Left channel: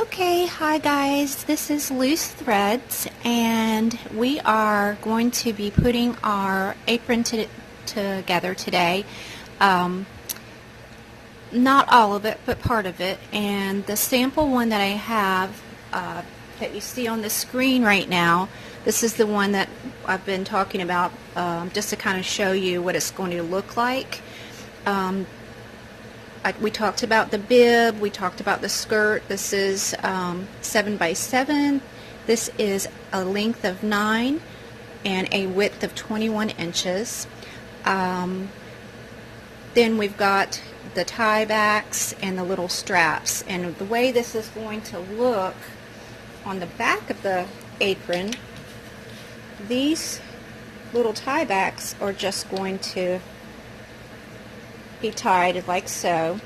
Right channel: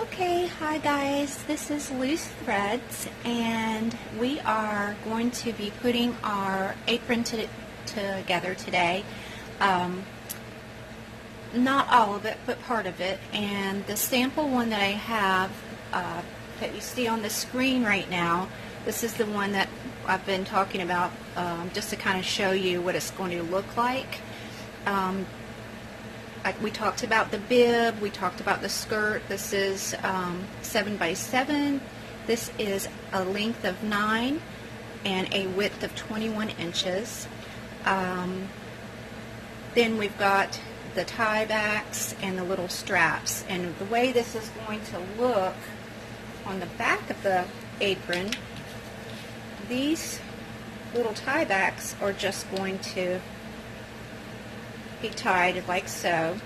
Okay, hi guys, this is Loose Threads, and we are going to be putting our apron together today. Not all of it, but part of it. And the sample one that I have that you see on the screen right now, this is the one that I've been talking about just to kind of show you what it's going to look like. We talked about the bib, we talked about the skirt. This is 7 by 7. This is a length of 9 and a width of 21 inches. Then we've got the tie backs and the little straps. And the way this is going to look on the back of the apron, these little tie backs are just going to be tied like so,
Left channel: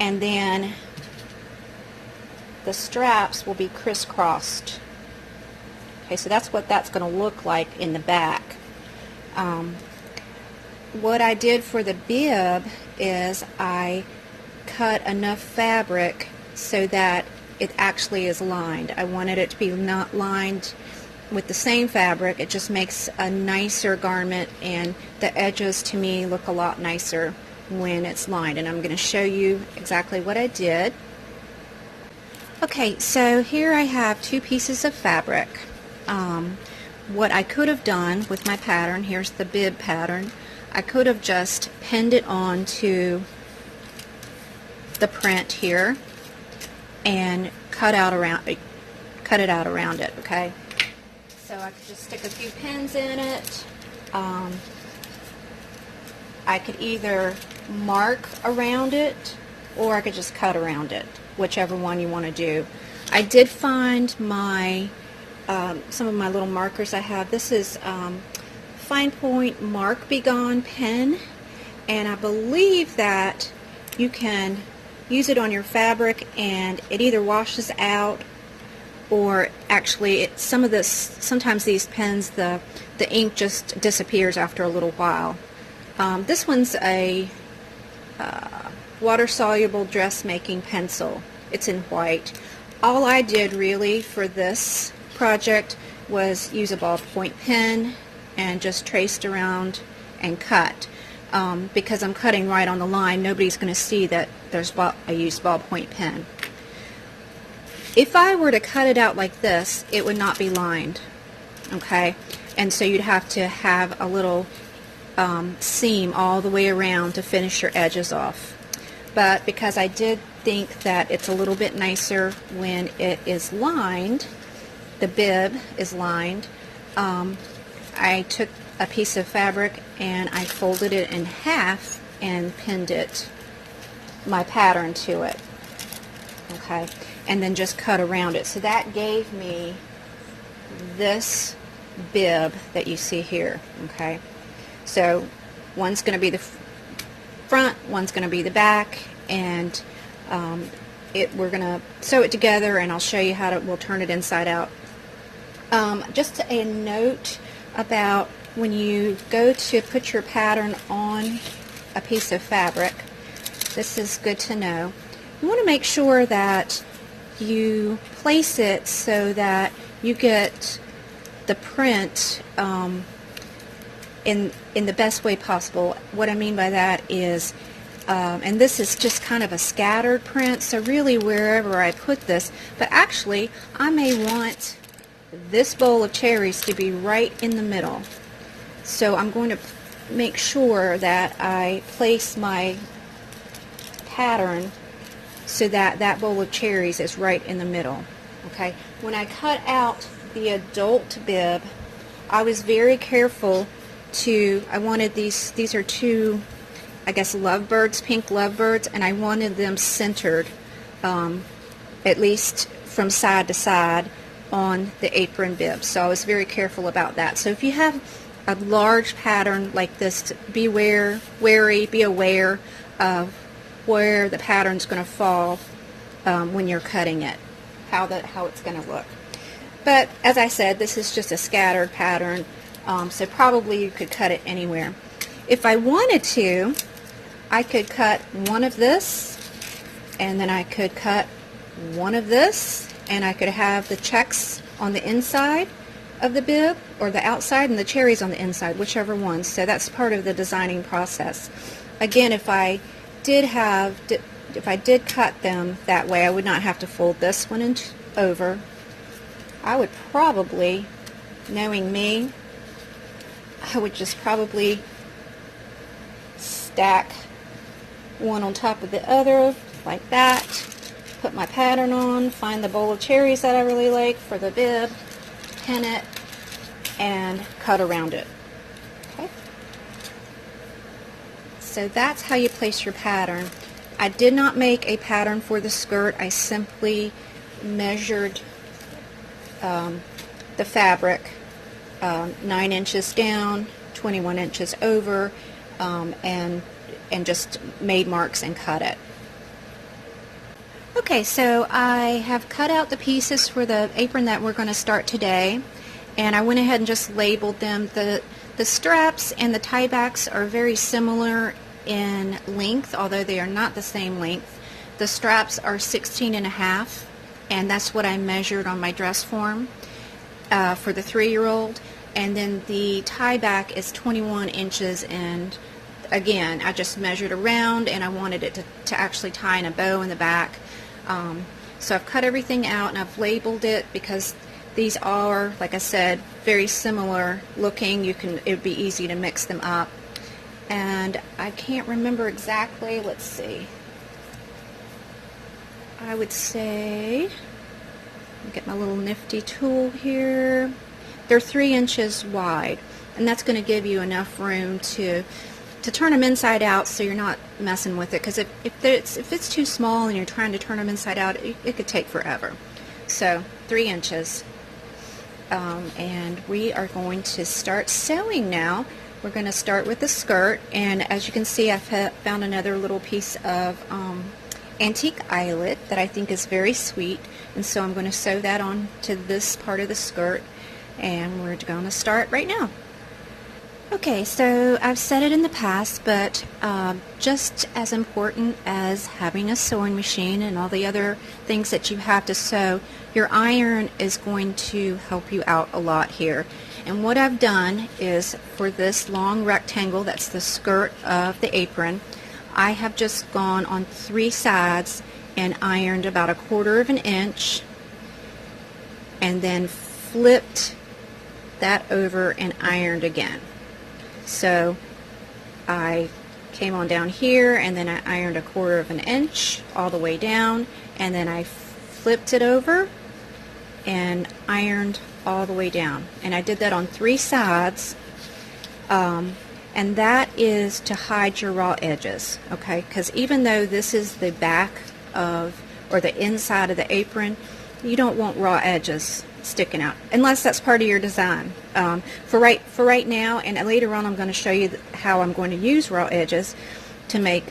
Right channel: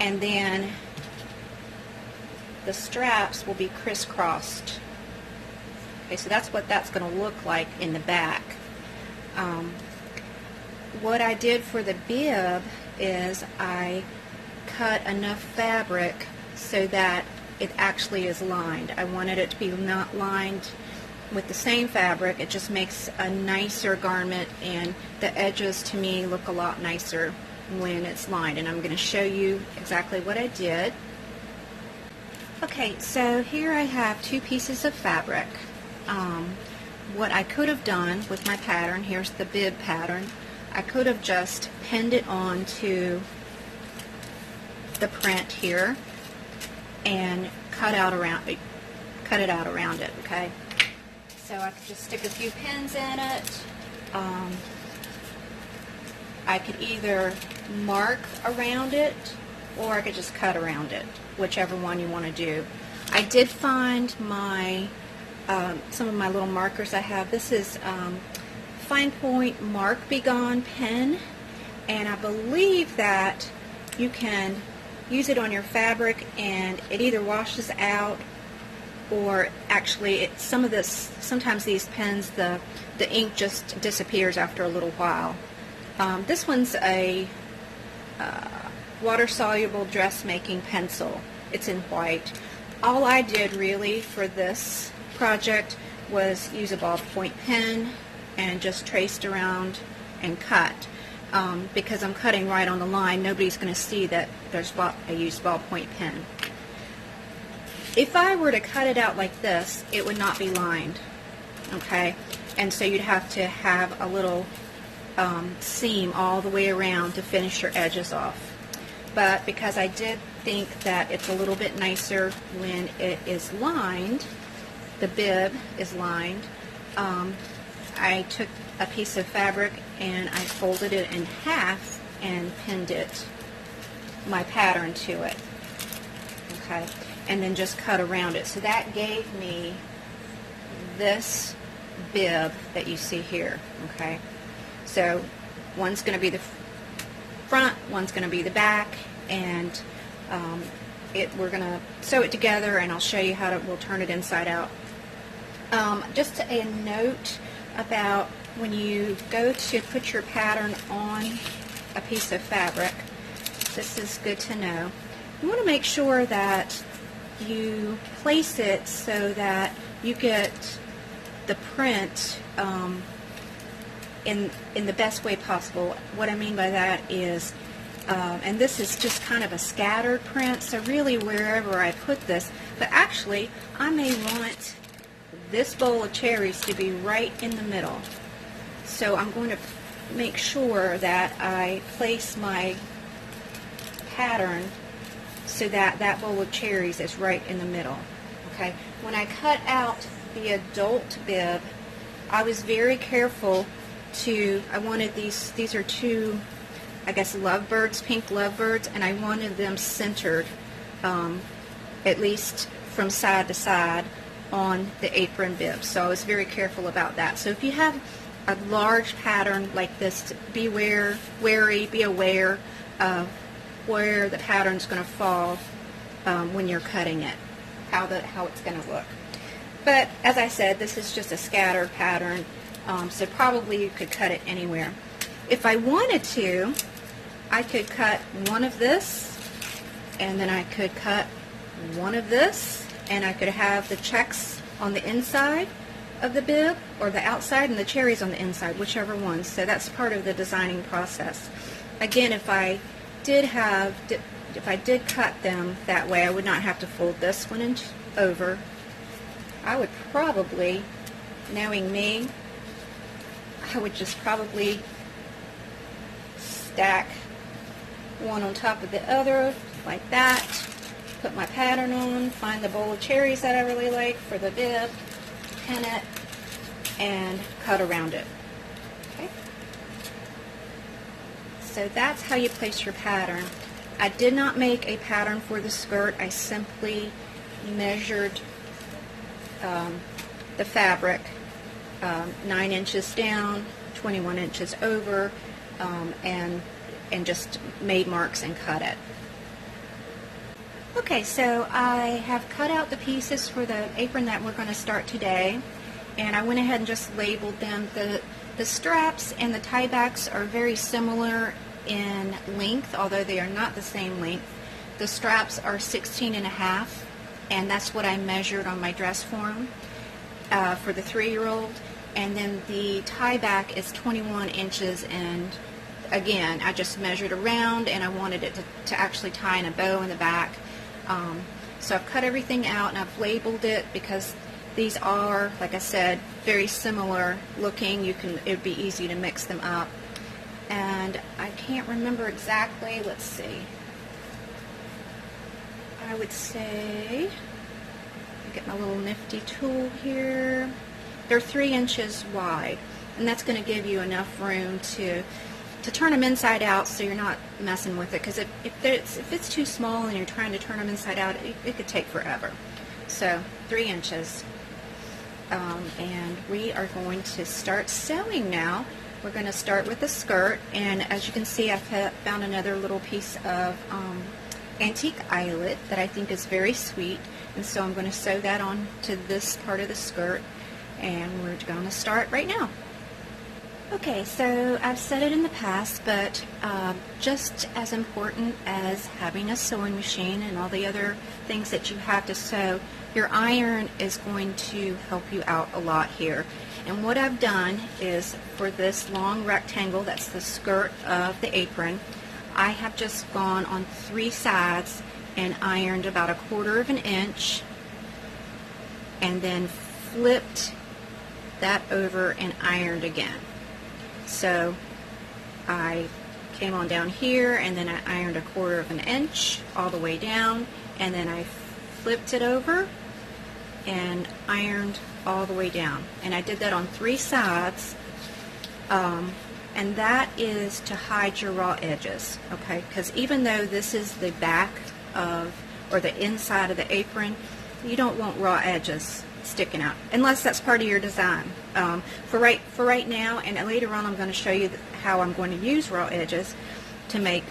and then the straps will be crisscrossed. Okay, so that's what that's going to look like in the back. What I did for the bib is I cut enough fabric so that it actually is lined. I wanted it to be not lined with the same fabric. It just makes a nicer garment, and the edges to me look a lot nicer when it's lined, and I'm going to show you exactly what I did. Okay, so here I have 2 pieces of fabric. What I could have done with my pattern, here's the bib pattern, I could have just pinned it on to the print here and cut it out around it, okay? So I could just stick a few pins in it. I could either mark around it or I could just cut around it, whichever one you want to do. I did find my some of my little markers I have. This is Fine Point Mark Be Gone pen, and I believe that you can use it on your fabric and it either washes out, or actually sometimes these pens, the ink just disappears after a little while. This one's a water-soluble dressmaking pencil. It's in white. All I did really for this project was use a ballpoint pen and just traced around and cut. Because I'm cutting right on the line, nobody's going to see that I used ballpoint pen. If I were to cut it out like this, it would not be lined, okay? And so you'd have to have a little seam all the way around to finish your edges off. But because I did think that it's a little bit nicer when it is lined, the bib is lined, I took a piece of fabric and I folded it in half and pinned my pattern to it, okay? And then just cut around it. So that gave me this bib that you see here, okay? So one's going to be the front, one's going to be the back, and we're going to sew it together, and I'll show you how we'll turn it inside out. Just a note about when you go to put your pattern on a piece of fabric, this is good to know. You want to make sure that you place it so that you get the print in the best way possible. What I mean by that is, and this is just kind of a scattered print, so really wherever I put this, but actually I may want this bowl of cherries to be right in the middle. So I'm going to make sure that I place my pattern so that that bowl of cherries is right in the middle. Okay. When I cut out the adult bib, I was very careful I wanted these are 2, I guess, lovebirds, pink lovebirds, and I wanted them centered, at least from side to side on the apron bib. So I was very careful about that. So if you have a large pattern like this, be aware of where the pattern's going to fall when you're cutting it, how it's going to look. But as I said, this is just a scattered pattern, so probably you could cut it anywhere. If I wanted to, I could cut one of this, and then I could cut one of this, and I could have the checks on the inside of the bib or the outside and the cherries on the inside, whichever one. So that's part of the designing process. Again, if I did cut them that way, I would not have to fold this one over. I would probably, knowing me, I would just probably stack one on top of the other like that, put my pattern on, find the bowl of cherries that I really like for the bib, pin it, and cut around it. Okay. So that's how you place your pattern. I did not make a pattern for the skirt. I simply measured the fabric 9 inches down, 21 inches over, and just made marks and cut it. Okay, so I have cut out the pieces for the apron that we're going to start today, and I went ahead and just labeled them. The straps and the tie backs are very similar in length, although they are not the same length. The straps are 16.5, and that's what I measured on my dress form for the 3-year-old, and then the tie back is 21 inches, and again, I just measured around, and I wanted it to actually tie in a bow in the back. So I've cut everything out and I've labeled it because these are, like I said, very similar looking. It would be easy to mix them up. And I can't remember exactly, let's see. I would say, get my little nifty tool here. They're 3 inches wide, and that's going to give you enough room to turn them inside out, so you're not messing with it, because if it's too small and you're trying to turn them inside out, it could take forever. So 3 inches. And we are going to start sewing now. We're going to start with the skirt, and as you can see, I've found another little piece of antique eyelet that I think is very sweet, and so I'm going to sew that on to this part of the skirt, and we're going to start right now. Okay, so I've said it in the past, but just as important as having a sewing machine and all the other things that you have to sew, your iron is going to help you out a lot here. And what I've done is, for this long rectangle that's the skirt of the apron, I have just gone on 3 sides and ironed about 1/4 of an inch, and then flipped that over and ironed again. So I came on down here, and then I ironed 1/4 of an inch all the way down, and then I flipped it over and ironed all the way down. And I did that on 3 sides, and that is to hide your raw edges, okay? Because even though this is the back of, or the inside of the apron, you don't want raw edges sticking out unless that's part of your design. For right now, and later on I'm going to show you how I'm going to use raw edges to make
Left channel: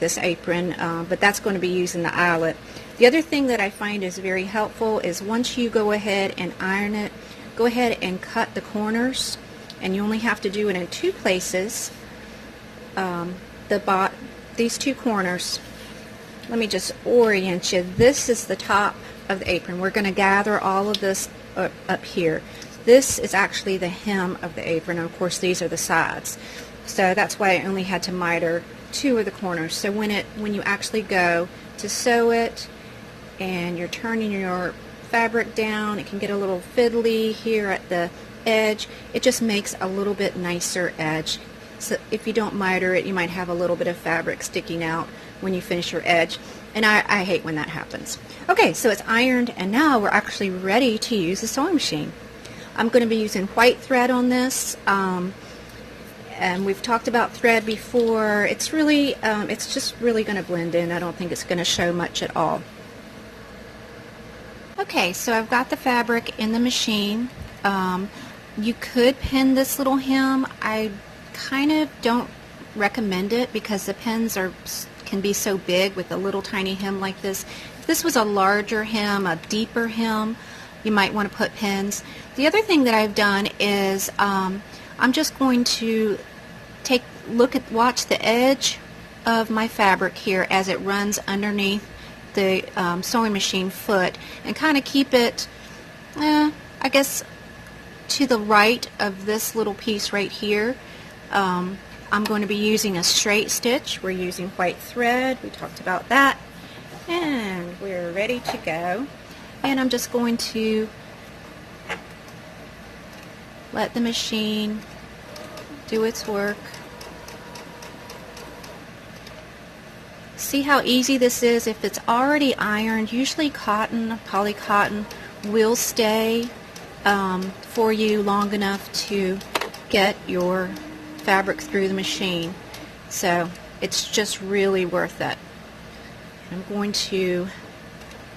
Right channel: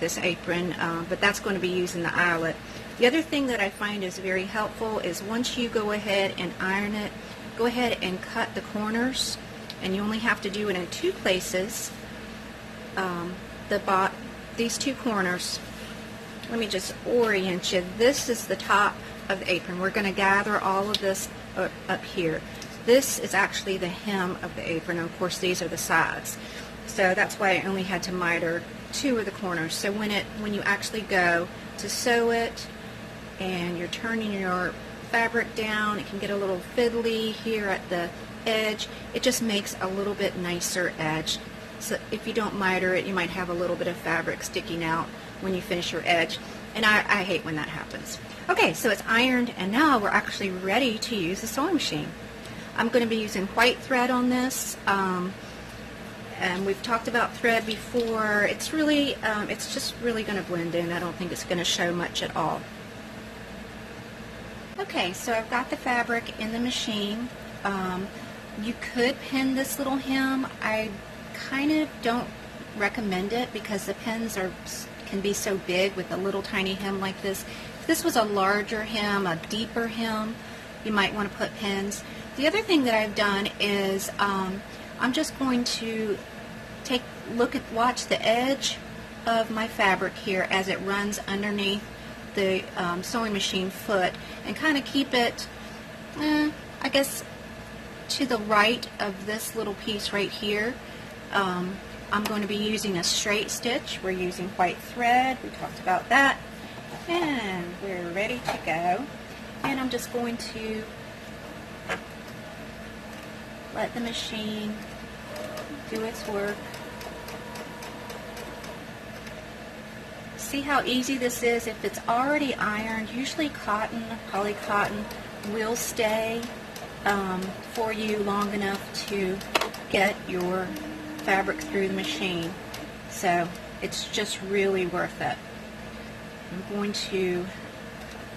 this apron, but that's going to be using the eyelet. The other thing that I find is very helpful is, once you go ahead and iron it, go ahead and cut the corners, and you only have to do it in 2 places. These 2 corners, let me just orient you. This is the top of the apron. We're going to gather all of this up here. This is actually the hem of the apron, and of course these are the sides. So that's why I only had to miter 2 of the corners. So when you actually go to sew it and you're turning your fabric down, it can get a little fiddly here at the edge. It just makes a little bit nicer edge. So if you don't miter it, you might have a little bit of fabric sticking out when you finish your edge, and I hate when that happens. Okay, so it's ironed, and now we're actually ready to use the sewing machine. I'm going to be using white thread on this, and we've talked about thread before. It's really, it's just really going to blend in. I don't think it's going to show much at all. Okay, so I've got the fabric in the machine. You could pin this little hem. I kind of don't recommend it because the pins can be so big with a little tiny hem like this. If this was a larger hem, a deeper hem, you might want to put pins. The other thing that I've done is I'm just going to watch the edge of my fabric here as it runs underneath the sewing machine foot and kind of keep it, I guess, to the right of this little piece right here. I'm going to be using a straight stitch. We're using white thread. We talked about that. And we're ready to go. And I'm just going to let the machine do its work. See how easy this is? If it's already ironed, usually cotton, poly cotton, will stay for you long enough to get your fabric through the machine. So it's just really worth it. I'm going to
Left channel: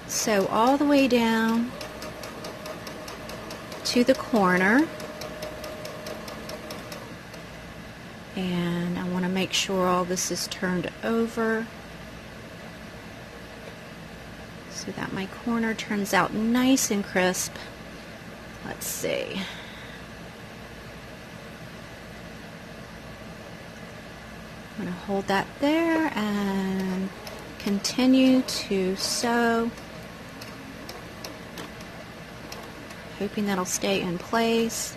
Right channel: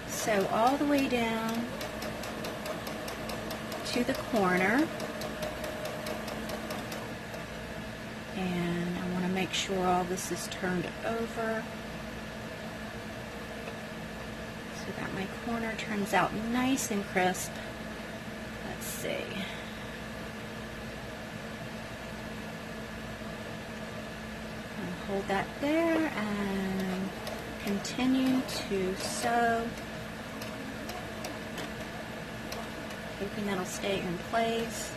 sew all the way down to the corner, and I want to make sure all this is turned over so that my corner turns out nice and crisp. Let's see. I'm going to hold that there and continue to sew, hoping that'll stay in place.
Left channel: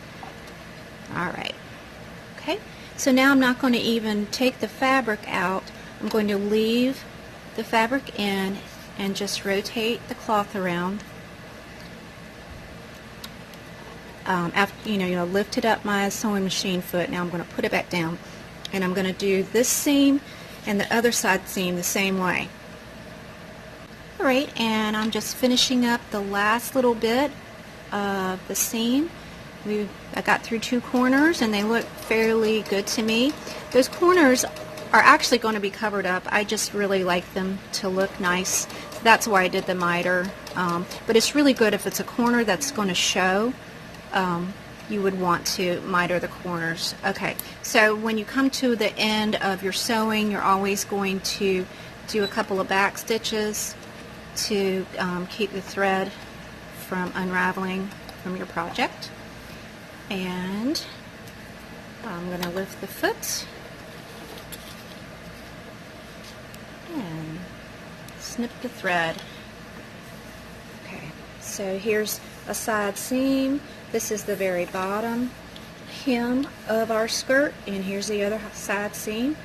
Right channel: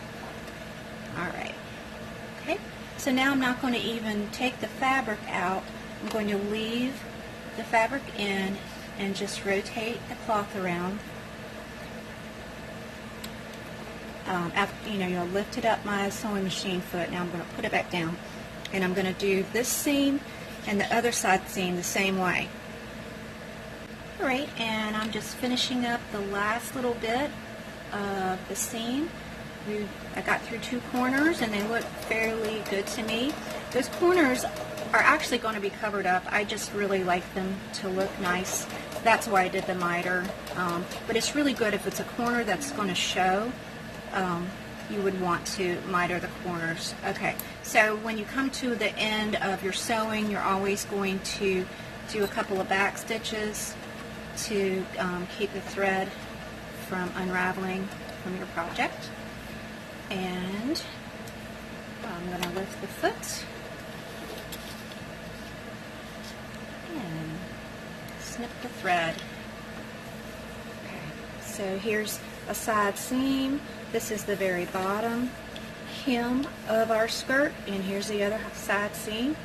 Alright, okay, so now I'm not going to even take the fabric out. I'm going to leave the fabric in and just rotate the cloth around. After, lifted up my sewing machine foot. Now I'm going to put it back down, and I'm going to do this seam and the other side seam the same way. Alright, and I'm just finishing up the last little bit of the seam. I got through 2 corners and they look fairly good to me. Those corners are actually going to be covered up. I just really like them to look nice. That's why I did the miter. But it's really good if it's a corner that's going to show. You would want to miter the corners. Okay, so when you come to the end of your sewing, you're always going to do a couple of back stitches to keep the thread from unraveling from your project. And I'm going to lift the foot and snip the thread. Okay, so here's a side seam. This is the very bottom hem of our skirt, and here's the other side seam,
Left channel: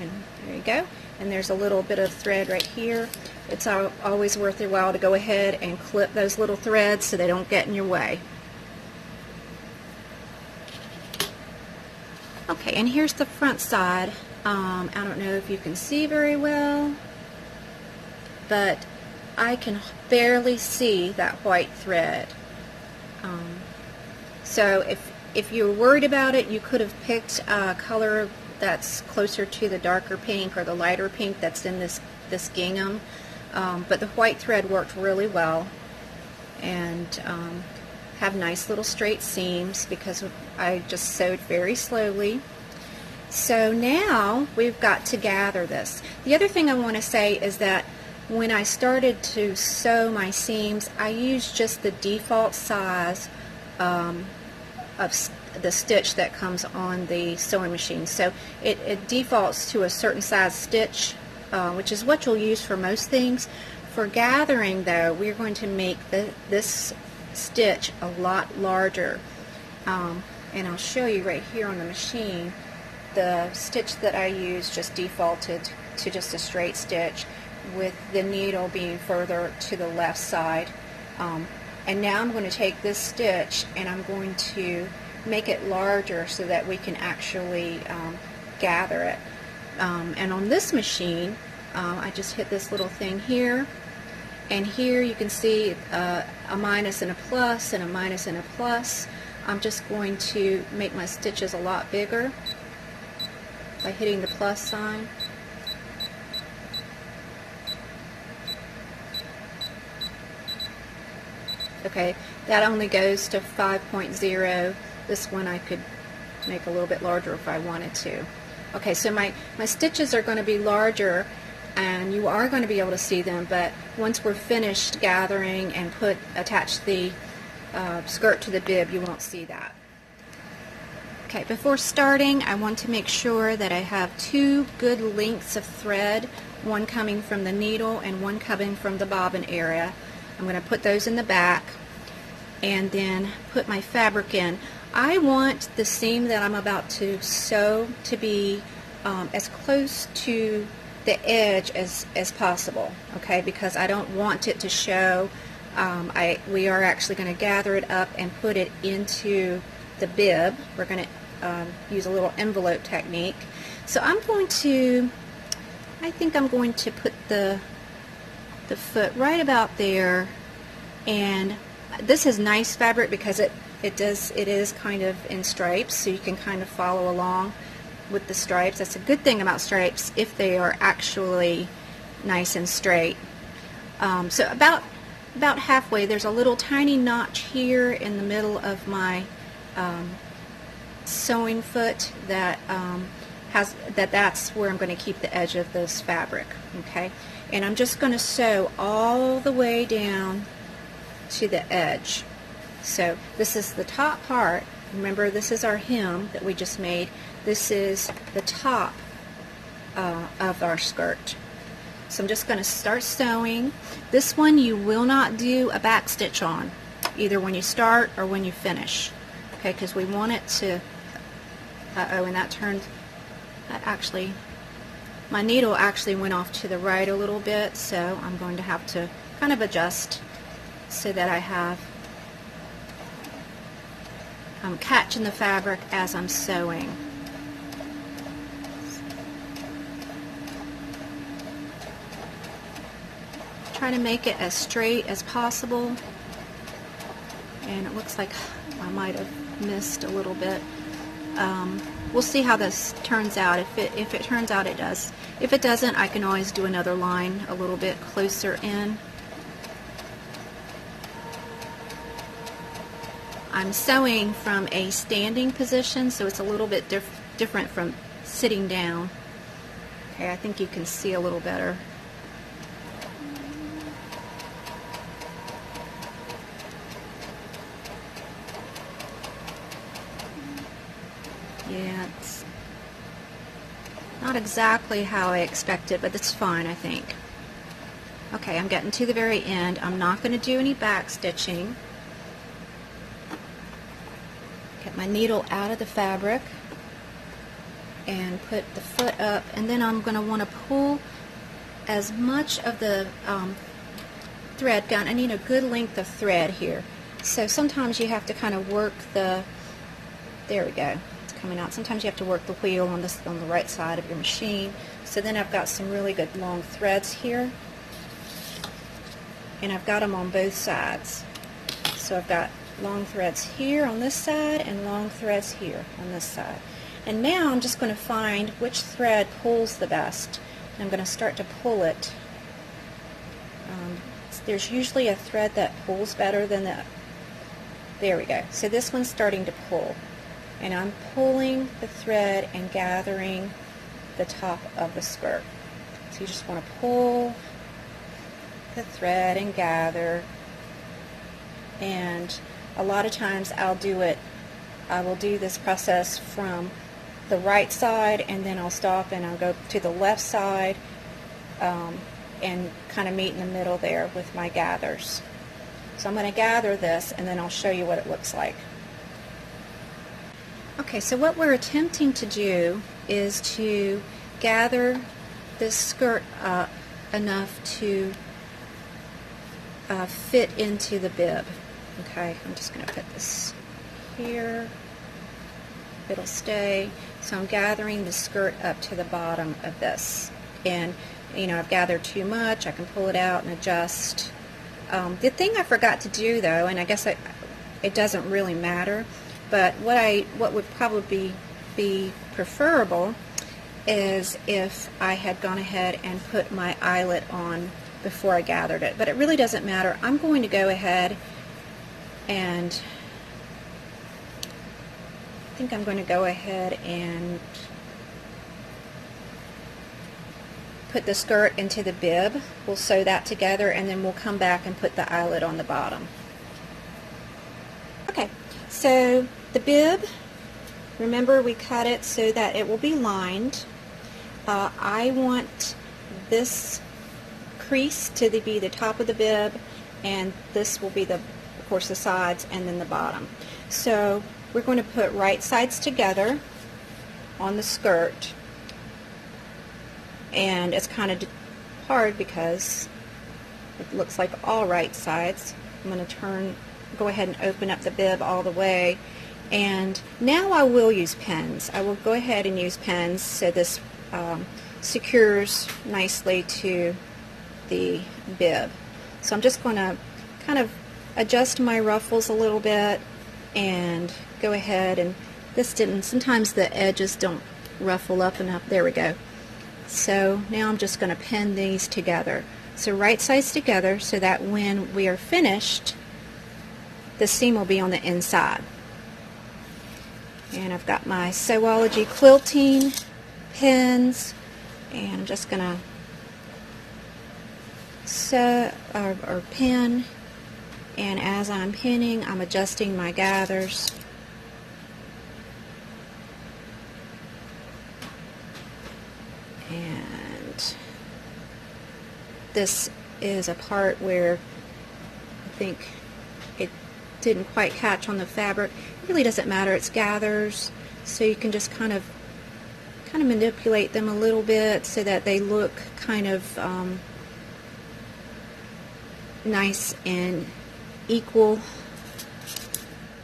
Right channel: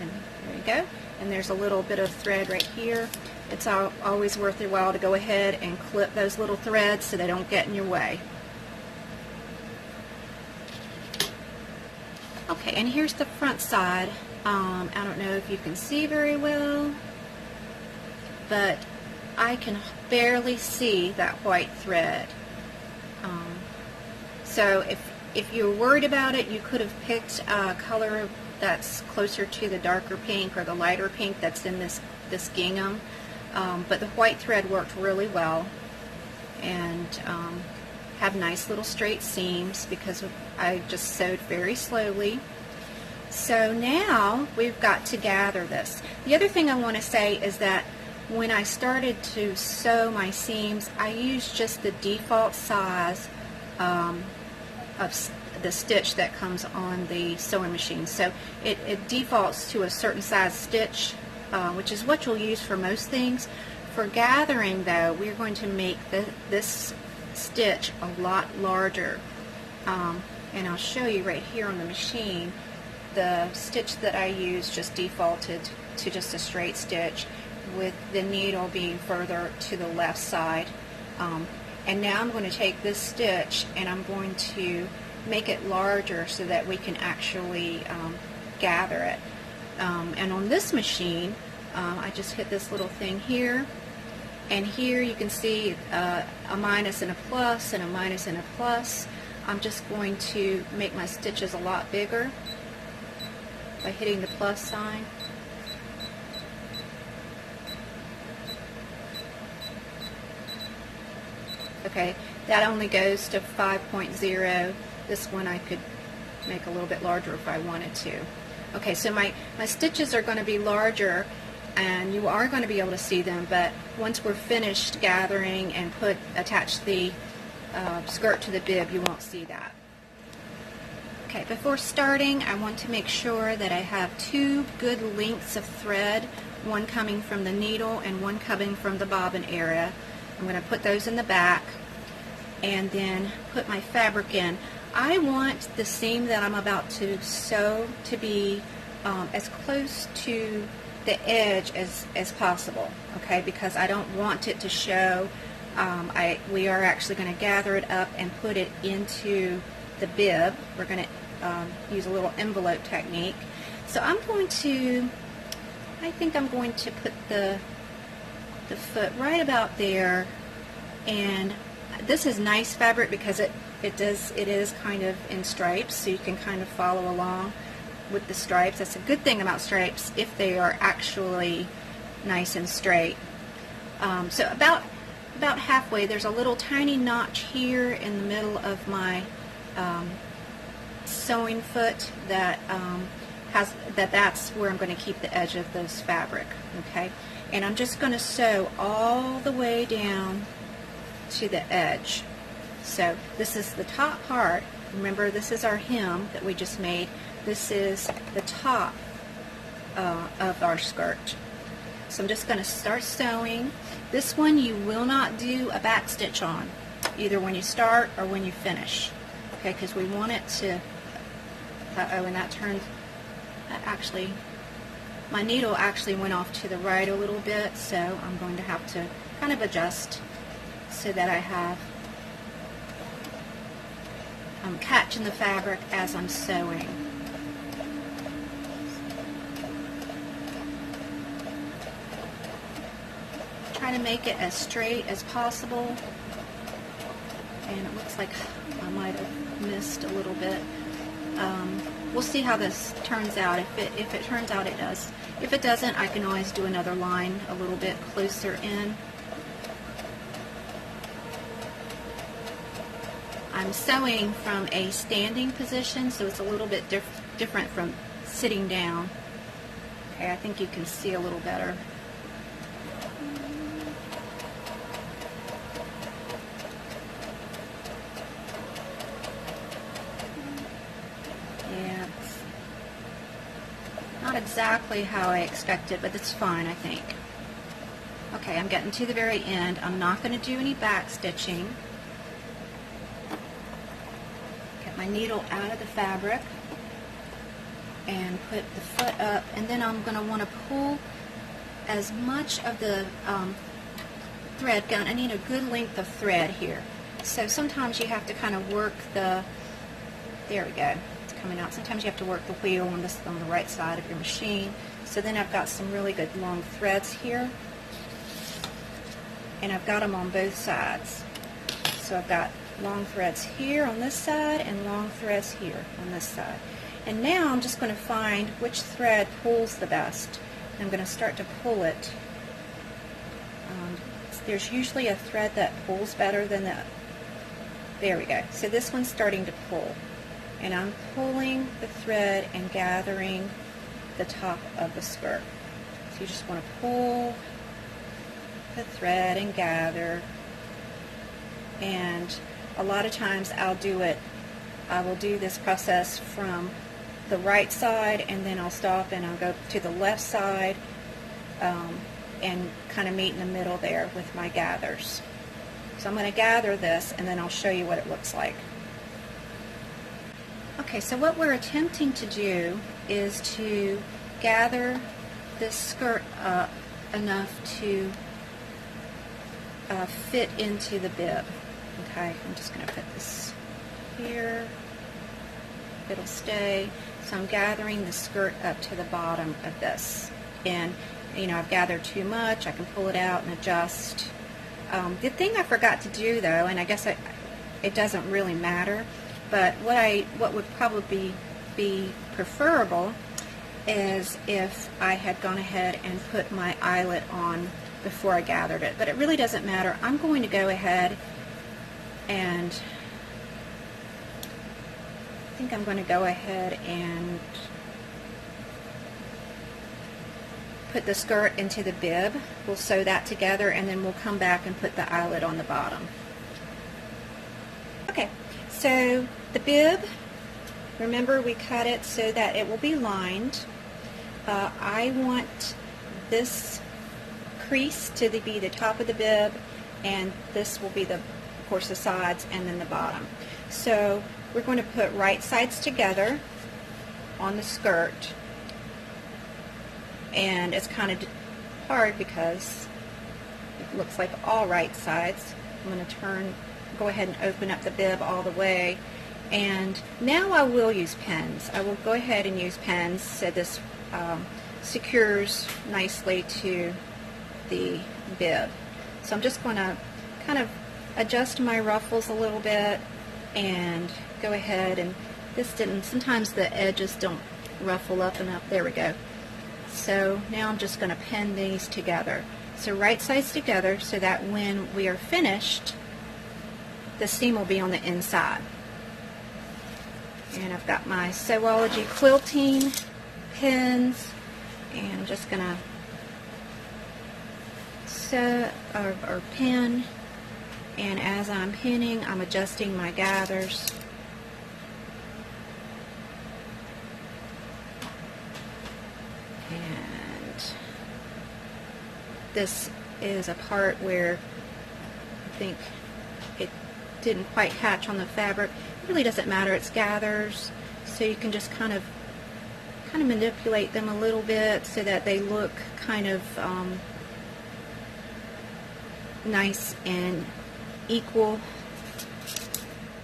and there you go. And there's a little bit of thread right here. It's always worth your while to go ahead and clip those little threads so they don't get in your way. Okay, and here's the front side. I don't know if you can see very well, but I can barely see that white thread. So if you're worried about it, you could have picked a color that's closer to the darker pink or the lighter pink that's in this gingham. But the white thread worked really well, and have nice little straight seams because I just sewed very slowly. So now we've got to gather this. The other thing I want to say is that when I started to sew my seams, I used just the default size of the stitch that comes on the sewing machine. So it defaults to a certain size stitch, which is what you'll use for most things. For gathering, though, we're going to make this stitch a lot larger. And I'll show you right here on the machine. The stitch that I used just defaulted to just a straight stitch, with the needle being further to the left side. And now I'm going to take this stitch and I'm going to make it larger so that we can actually gather it. And on this machine, I just hit this little thing here, and here you can see a minus and a plus and a minus and a plus. I'm just going to make my stitches a lot bigger by hitting the plus sign. Okay, that only goes to 5.0. This one I could make a little bit larger if I wanted to. Okay, so my stitches are going to be larger, and you are going to be able to see them, but once we're finished gathering and attach the skirt to the bib, you won't see that. Okay, before starting, I want to make sure that I have two good lengths of thread, one coming from the needle and one coming from the bobbin area. I'm going to put those in the back and then put my fabric in. I want the seam that I'm about to sew to be as close to the edge as possible, okay, because I don't want it to show. We are actually going to gather it up and put it into the bib. We're going to use a little envelope technique. So I think I'm going to put the foot right about there, and this is nice fabric because it is kind of in stripes, so you can kind of follow along with the stripes. That's a good thing about stripes if they are actually nice and straight. So about halfway, there's a little tiny notch here in the middle of my sewing foot that's where I'm going to keep the edge of this fabric, okay? And I'm just going to sew all the way down to the edge. So this is the top part. Remember, this is our hem that we just made. This is the top of our skirt. So I'm just going to start sewing. This one you will not do a back stitch on, either when you start or when you finish, okay? Because we want it to. And that turned. That actually, my needle actually went off to the right a little bit, so I'm going to have to kind of adjust so that I'm catching the fabric as I'm sewing. Try to make it as straight as possible, and it looks like I might have missed a little bit. We'll see how this turns out. If it turns out it does. If it doesn't, I can always do another line a little bit closer in. I'm sewing from a standing position, so it's a little bit different from sitting down. Okay, I think you can see a little better. Yeah, it's not exactly how I expected, but it's fine, I think. Okay, I'm getting to the very end. I'm not going to do any back stitching. Get my needle out of the fabric and put the foot up, and then I'm going to want to pull as much of the thread down. I need a good length of thread here. So sometimes you have to kind of work there we go. Coming out. Sometimes you have to work the wheel on the right side of your machine. So then I've got some really good long threads here, and I've got them on both sides. So I've got long threads here on this side and long threads here on this side. And now I'm just going to find which thread pulls the best. And I'm going to start to pull it. There's usually a thread that pulls better than the. There we go. So this one's starting to pull. And I'm pulling the thread and gathering the top of the skirt. So you just want to pull the thread and gather. And a lot of times I will do this process from the right side, and then I'll stop and I'll go to the left side and kind of meet in the middle there with my gathers. So I'm going to gather this, and then I'll show you what it looks like. Okay, so what we're attempting to do is to gather this skirt up enough to fit into the bib. Okay, I'm just going to put this here. It'll stay. So I'm gathering the skirt up to the bottom of this. And, you know, I've gathered too much. I can pull it out and adjust. The thing I forgot to do, though, and I guess it doesn't really matter, but what would probably be preferable is if I had gone ahead and put my eyelet on before I gathered it. But it really doesn't matter. I'm going to go ahead and I think I'm going to go ahead and put the skirt into the bib. We'll sew that together, and then we'll come back and put the eyelet on the bottom. Okay, so the bib Remember, we cut it so that it will be lined. I want this crease to be the top of the bib, and this will be of course the sides and then the bottom. So we're going to put right sides together on the skirt, and it's kind of hard because it looks like all right sides. I'm going to go ahead and open up the bib all the way, and now I will use pins. I will go ahead and use pins so this secures nicely to the bib. So I'm just going to kind of adjust my ruffles a little bit and go ahead, and sometimes the edges don't ruffle up enough. There we go. So now I'm just going to pin these together. So right sides together so that when we are finished, the seam will be on the inside. And I've got my Sewology quilting pins, and I'm just going to sew or pin, and as I'm pinning, I'm adjusting my gathers. And this is a part where I think it didn't quite catch on the fabric. It really doesn't matter, it's gathers, so you can just kind of manipulate them a little bit so that they look kind of nice and equal,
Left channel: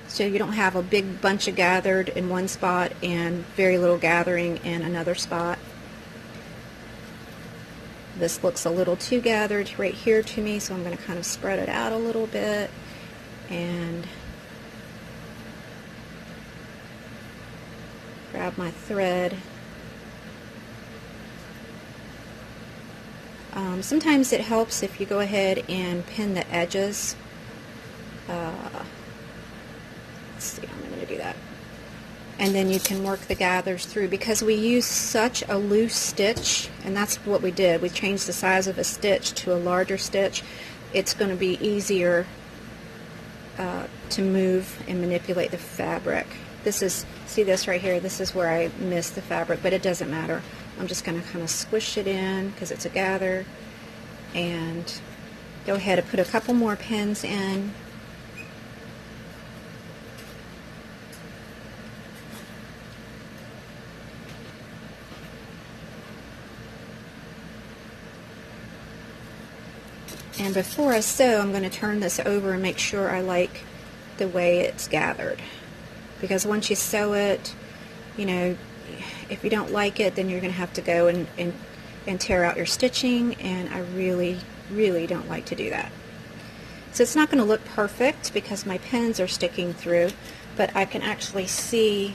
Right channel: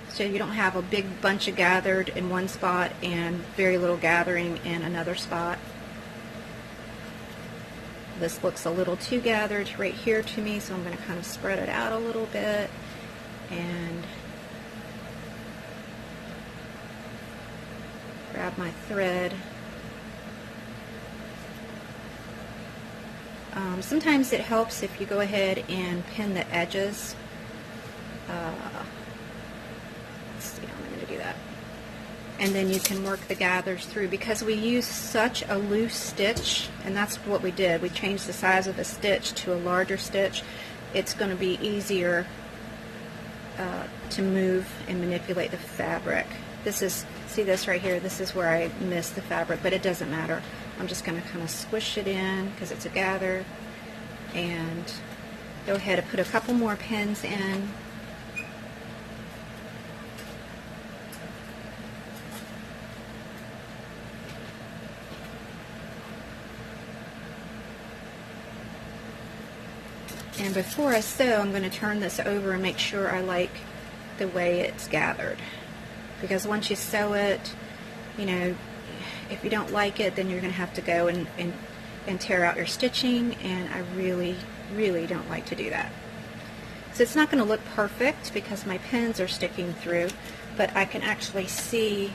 so you don't have a big bunch of gathered in one spot and very little gathering in another spot. This looks a little too gathered right here to me, so I'm going to kind of spread it out a little bit and grab my thread. Sometimes it helps if you go ahead and pin the edges. Let's see, I'm going to do that. And then you can work the gathers through, because we use such a loose stitch, and that's what we did. We changed the size of a stitch to a larger stitch. It's going to be easier to move and manipulate the fabric. See this right here, this is where I missed the fabric, but it doesn't matter. I'm just going to kind of squish it in because it's a gather, and go ahead and put a couple more pins in. And before I sew, I'm going to turn this over and make sure I like the way it's gathered. Because once you sew it, you know, if you don't like it, then you're going to have to go and tear out your stitching, and I really, really don't like to do that. So it's not going to look perfect because my pins are sticking through, but I can actually see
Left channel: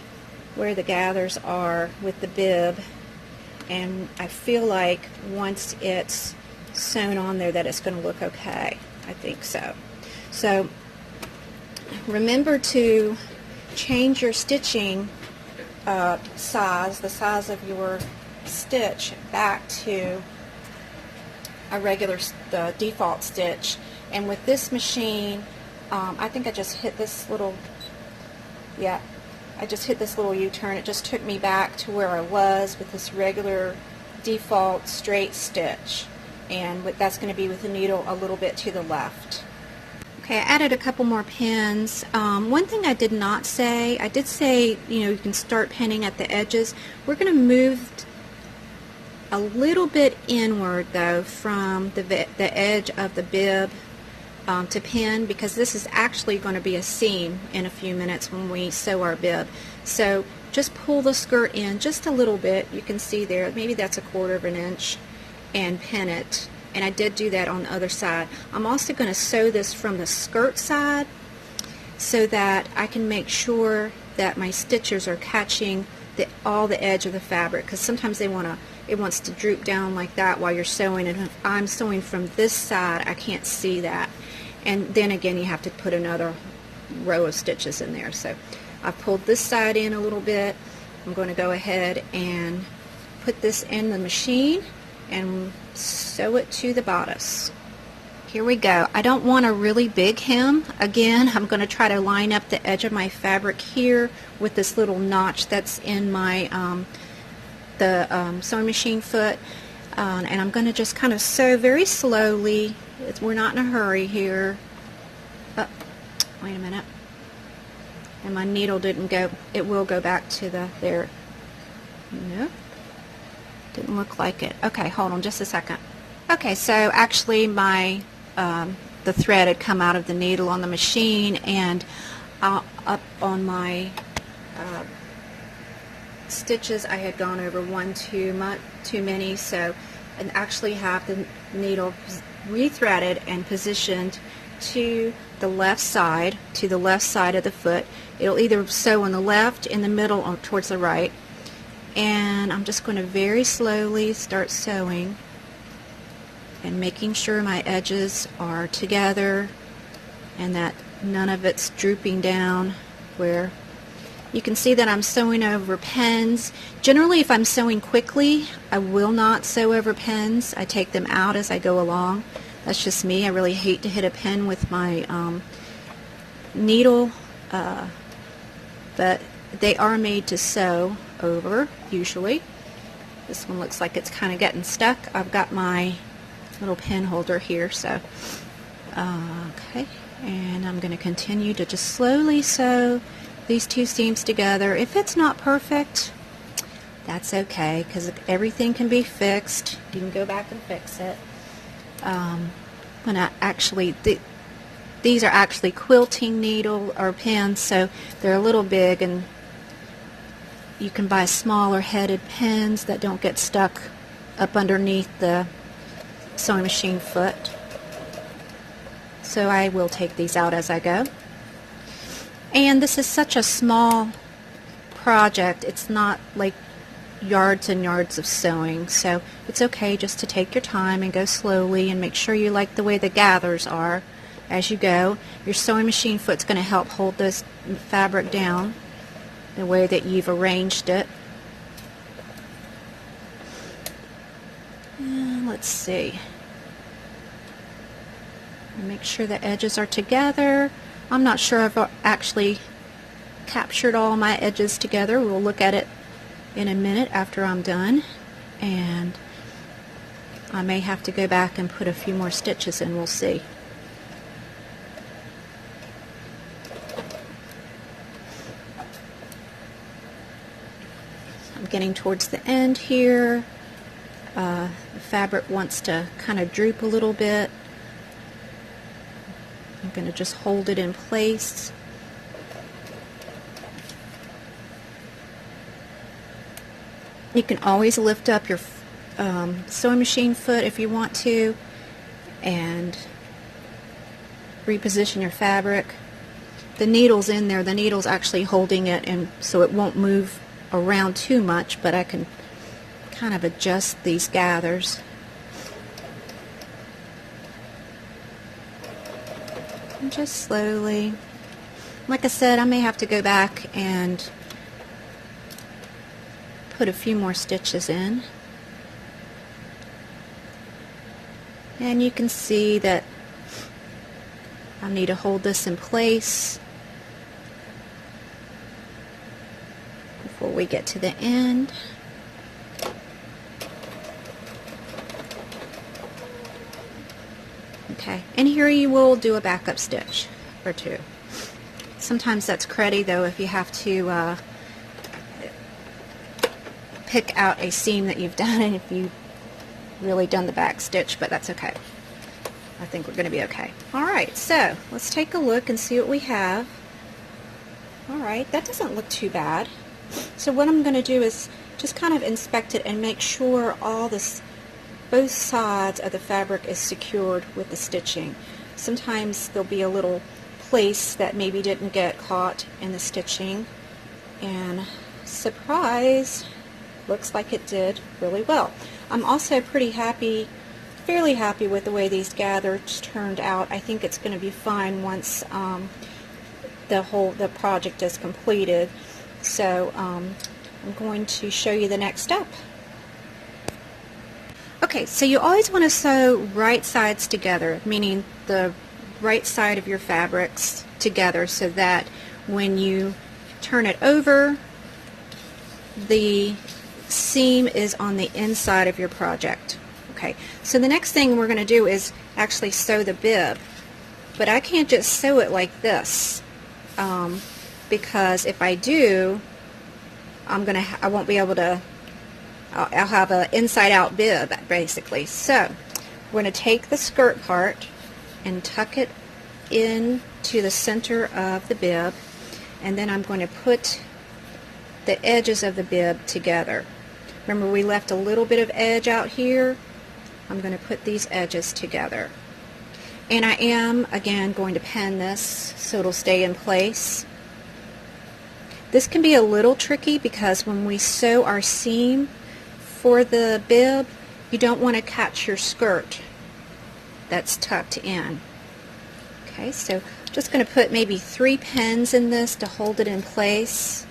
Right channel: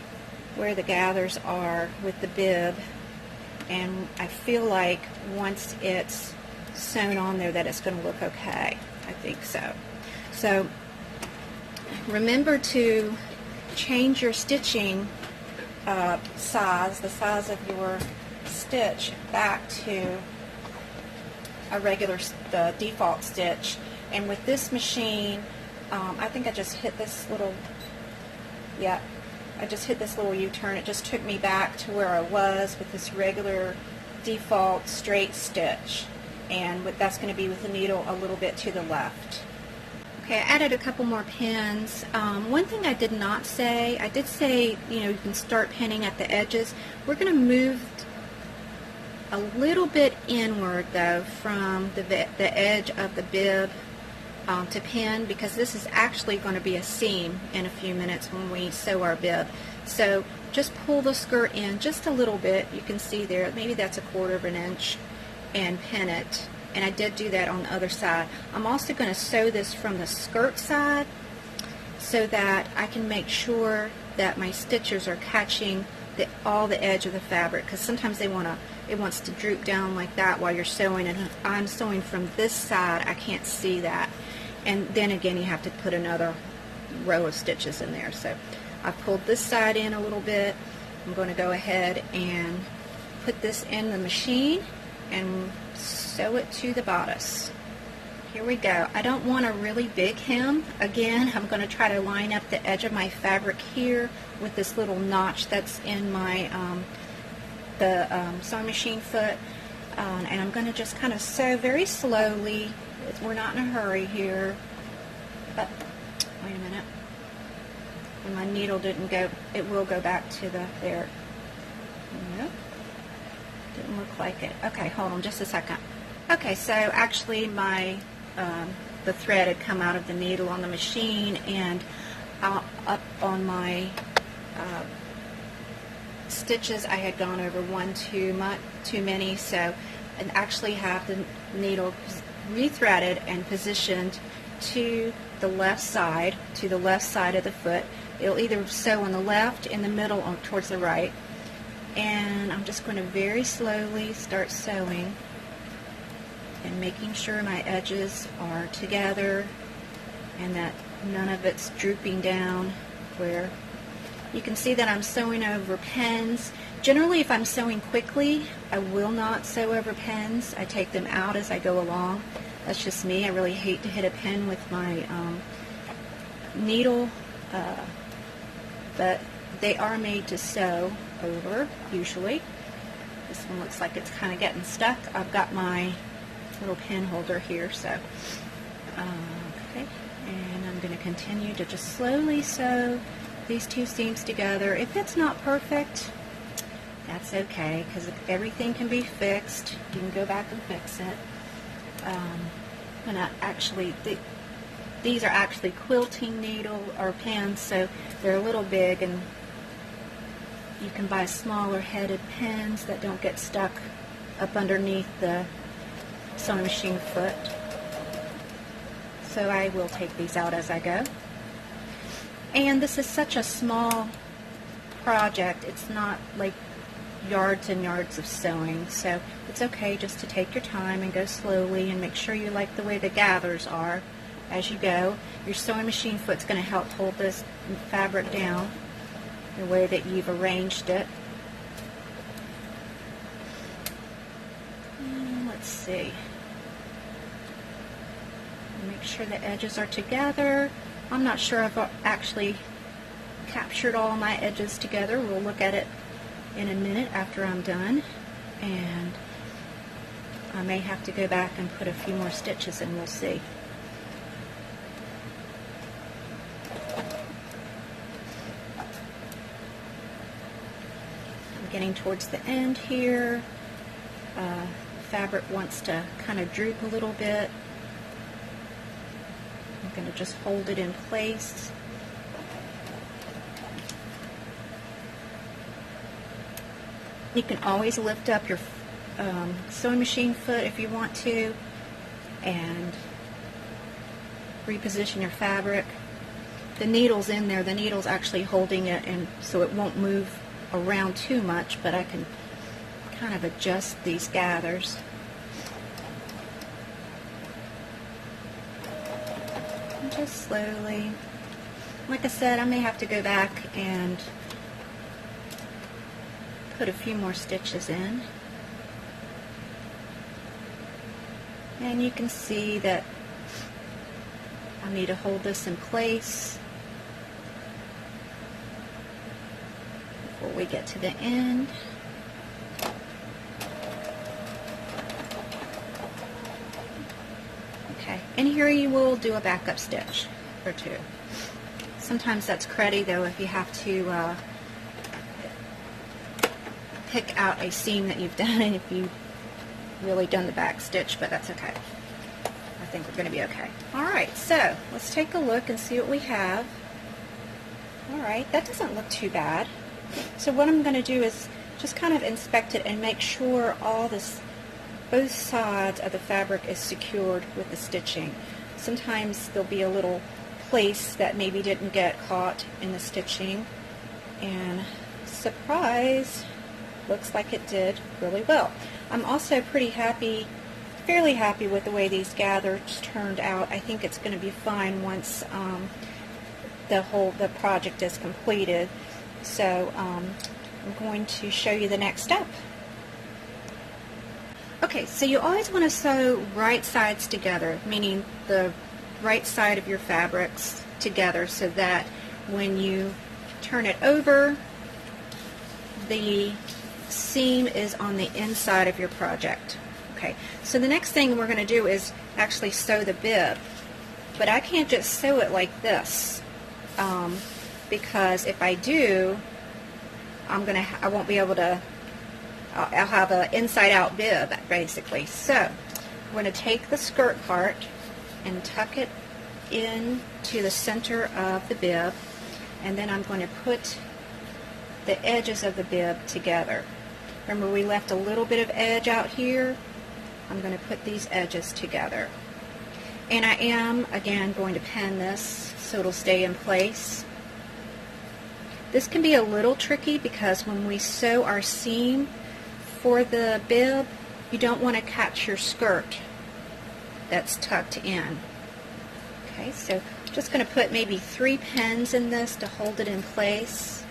where the gathers are with the bib, and I feel like once it's sewn on there that it's going to look okay. I think so. So remember to change your stitching size, the size of your stitch, back to a regular default stitch. And with this machine, I think I just hit this little, I just hit this little U-turn. It just took me back to where I was with this regular default straight stitch, and that's going to be with the needle a little bit to the left. Okay, I added a couple more pins. One thing I did not say, I did say, you know, you can start pinning at the edges. We're going to move a little bit inward though from the edge of the bib to pin, because this is actually going to be a seam in a few minutes when we sew our bib. So just pull the skirt in just a little bit. You can see there, maybe that's 1/4 inch, and pin it. And I did do that on the other side. I'm also going to sew this from the skirt side so that I can make sure that my stitches are catching all the edge of the fabric, because sometimes it wants to droop down like that while you're sewing, and if I'm sewing from this side, I can't see that. And then again, you have to put another row of stitches in there. So I've pulled this side in a little bit. I'm going to go ahead and put this in the machine and sew it to the bodice. Here we go. I don't want a really big hem. Again, I'm going to try to line up the edge of my fabric here with this little notch that's in my sewing machine foot. And I'm going to just kind of sew very slowly. We're not in a hurry here. Oh, wait a minute. And my needle didn't go, it will go back to there. Nope. Didn't look like it. Okay, hold on just a second. Okay, so actually my the thread had come out of the needle on the machine, and up on my stitches I had gone over one too many, so I actually have the needle rethreaded and positioned to the left side of the foot. It'll either sew on the left, in the middle, or towards the right. And I'm just going to very slowly start sewing and making sure my edges are together and that none of it's drooping down. Where you can see that I'm sewing over pins. Generally, if I'm sewing quickly, I will not sew over pins. I take them out as I go along. That's just me. I really hate to hit a pin with my needle, but they are made to sew over, usually. This one looks like it's kind of getting stuck. I've got my little pin holder here, so okay, and I'm going to continue to just slowly sew these two seams together. If it's not perfect, that's okay, because everything can be fixed. You can go back and fix it. When I actually, these are actually quilting needle or pins, so they're a little big, and you can buy smaller headed pins that don't get stuck up underneath the sewing machine foot. So I will take these out as I go. And this is such a small project. It's not like yards and yards of sewing, so it's okay just to take your time and go slowly and make sure you like the way the gathers are as you go. Your sewing machine foot's going to help hold this fabric down the way that you've arranged it. And let's see. Make sure the edges are together. I'm not sure I've actually captured all my edges together. We'll look at it in a minute after I'm done, and I may have to go back and put a few more stitches in. We'll see. I'm getting towards the end here. The fabric wants to kind of droop a little bit. I'm going to just hold it in place. You can always lift up your sewing machine foot if you want to and reposition your fabric. The needle's in there. The needle's actually holding it, and so it won't move around too much, but I can kind of adjust these gathers. And just slowly. Like I said, I may have to go back and put a few more stitches in. And you can see that I need to hold this in place before we get to the end. Okay, and here you will do a backup stitch or two. Sometimes that's cruddy though if you have to pick out a seam that you've done if you've really done the back stitch, but that's okay. I think we're going to be okay. Alright, so let's take a look and see what we have. Alright, that doesn't look too bad. So what I'm going to do is just kind of inspect it and make sure all this, both sides of the fabric is secured with the stitching. Sometimes there'll be a little place that maybe didn't get caught in the stitching, and surprise, looks like it did really well. I'm also pretty happy, fairly happy with the way these gathers turned out. I think it's going to be fine once the project is completed. So I'm going to show you the next step. Okay, so you always want to sew right sides together, meaning the right side of your fabrics together, so that when you turn it over, the seam is on the inside of your project. Okay, so the next thing we're going to do is actually sew the bib, but I can't just sew it like this, because if I do, I won't be able to. I'll have an inside-out bib basically. So we're going to take the skirt part and tuck it into the center of the bib, and then I'm going to put the edges of the bib together. Remember, we left a little bit of edge out here. I'm going to put these edges together. And I am, again, going to pin this so it'll stay in place. This can be a little tricky because when we sew our seam for the bib, you don't want to catch your skirt that's tucked in. Okay, so I'm just going to put maybe 3 pins in this to hold it in place.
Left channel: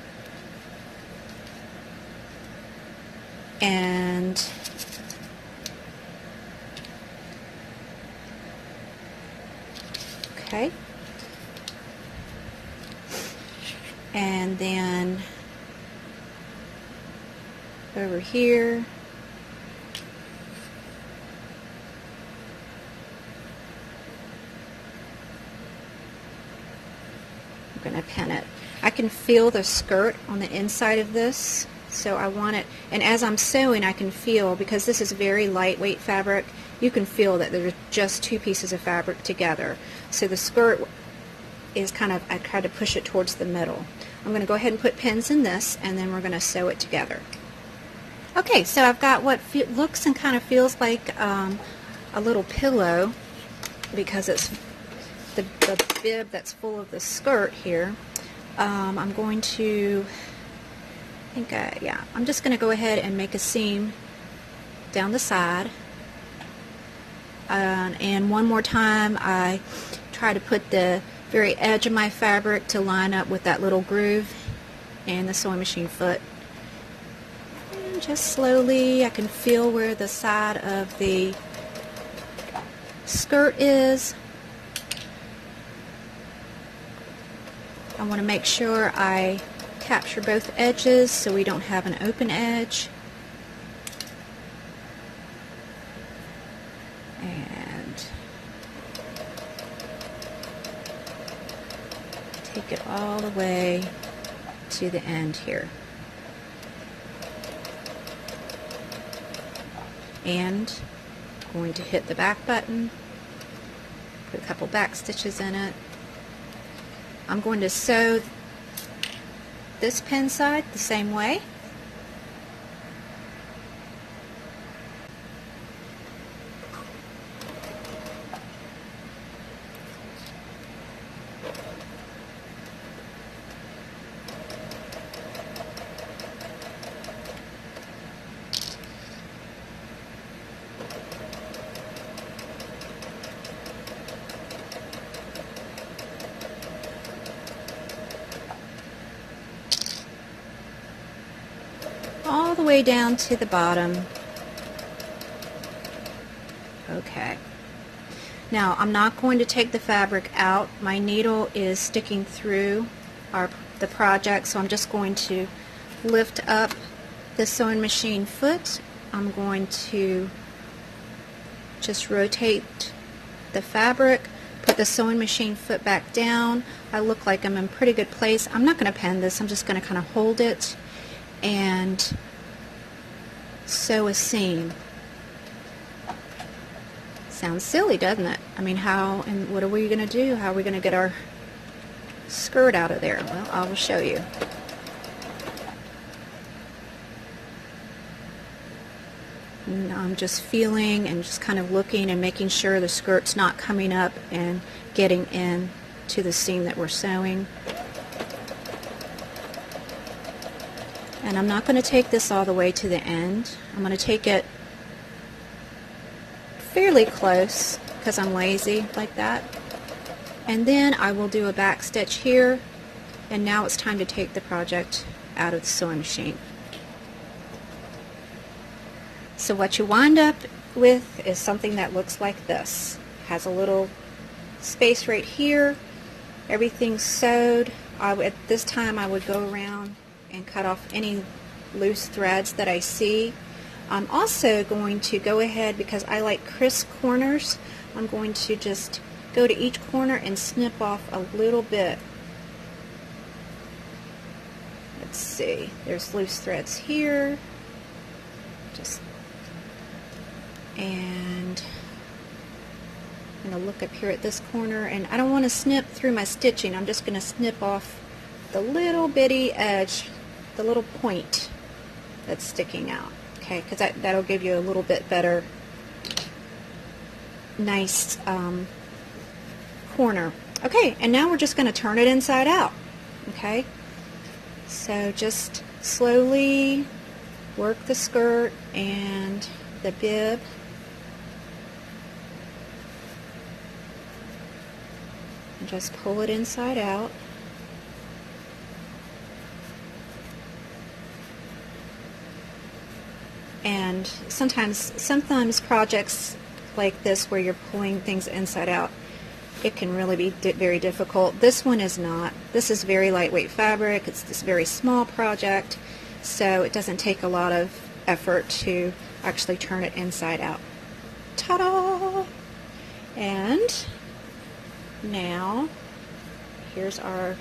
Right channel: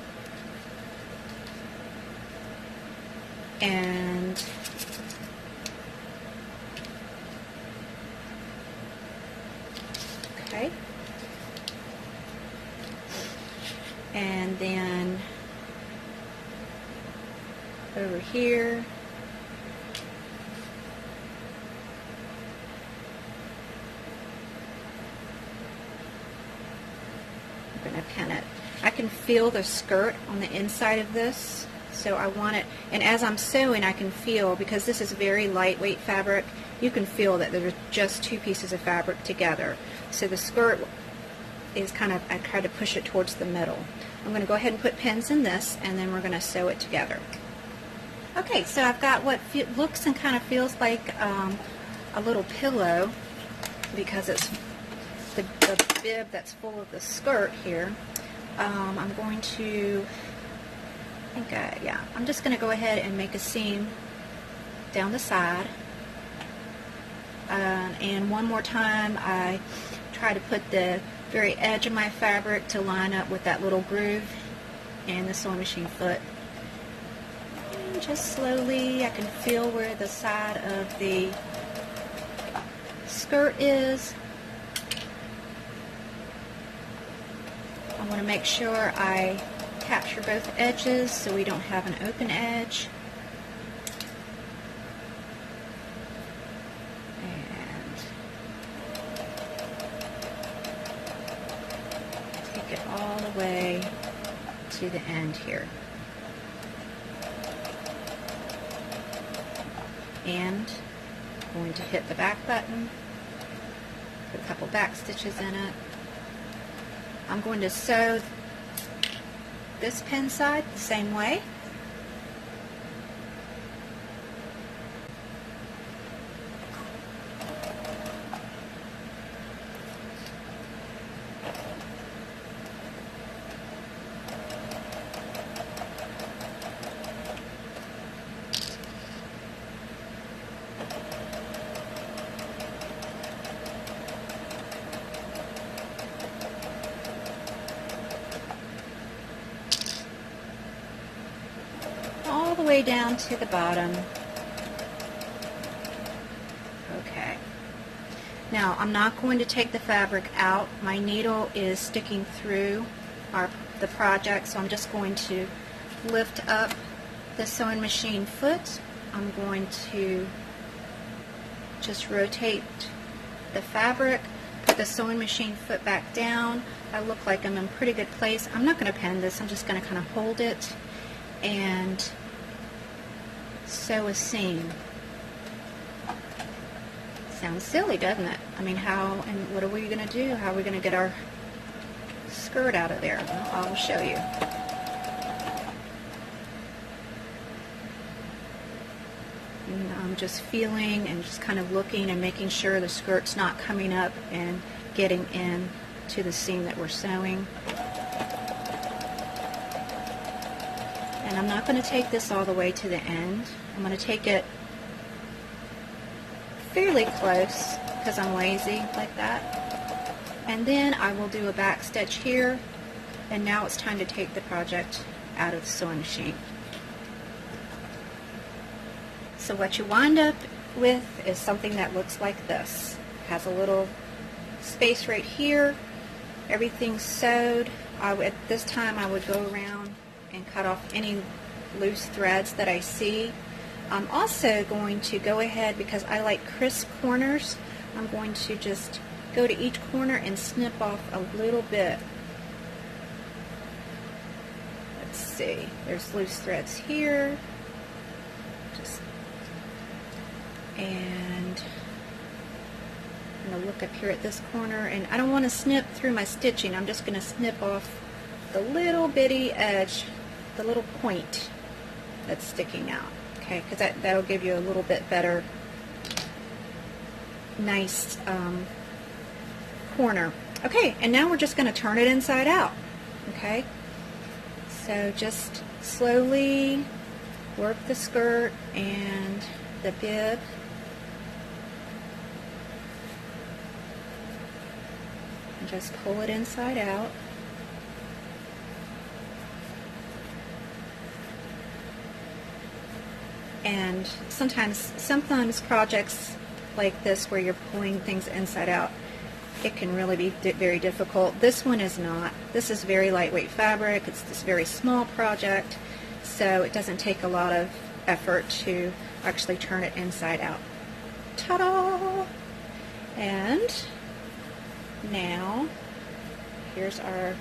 And okay, and then over here, I'm going to pin it. I can feel the skirt on the inside of this, so I want it, and as I'm sewing I can feel, because this is very lightweight fabric, you can feel that there's just 2 pieces of fabric together. So the skirt is kind of, I try to push it towards the middle. I'm going to go ahead and put pins in this, and then we're going to sew it together. Okay, so I've got what looks and kind of feels like a little pillow, because it's the bib that's full of the skirt here. I'm going to, I'm just going to go ahead and make a seam down the side. And one more time, I try to put the very edge of my fabric to line up with that little groove and the sewing machine foot. And just slowly, I can feel where the side of the skirt is. I want to make sure I capture both edges so we don't have an open edge. And take it all the way to the end here. And I'm going to hit the back button, put a couple back stitches in it. I'm going to sew this pin side the same way. All the way down to the bottom. Okay. Now I'm not going to take the fabric out. My needle is sticking through the project, so I'm just going to lift up the sewing machine foot. I'm going to just rotate the fabric, put the sewing machine foot back down. I look like I'm in pretty good place. I'm not going to pin this. I'm just going to kind of hold it and sew a seam. Sounds silly, doesn't it? I mean, what are we going to do? How are we going to get our skirt out of there? Well, I will show you. And I'm just feeling and just kind of looking and making sure the skirt's not coming up and getting in to the seam that we're sewing. And I'm not going to take this all the way to the end. I'm going to take it fairly close because I'm lazy like that. And then I will do a back stitch here, and now it's time to take the project out of the sewing machine. So what you wind up with is something that looks like this. Has a little space right here. Everything's sewed. At this time I would go around and cut off any loose threads that I see. I'm also going to go ahead, because I like crisp corners, I'm going to just go to each corner and snip off a little bit. Let's see, there's loose threads here. And I'm going to look up here at this corner, and I don't want to snip through my stitching. I'm just going to snip off the little bitty edge, the little point that's sticking out. Okay, because that'll give you a little bit better, nice corner. Okay, and now we're just going to turn it inside out. Okay, so just slowly work the skirt and the bib. And just pull it inside out. And sometimes projects like this where you're pulling things inside out, it can really be very difficult. This one is not. This is very lightweight fabric. It's this very small project, so it doesn't take a lot of effort to actually turn it inside out. Ta-da! And now here's our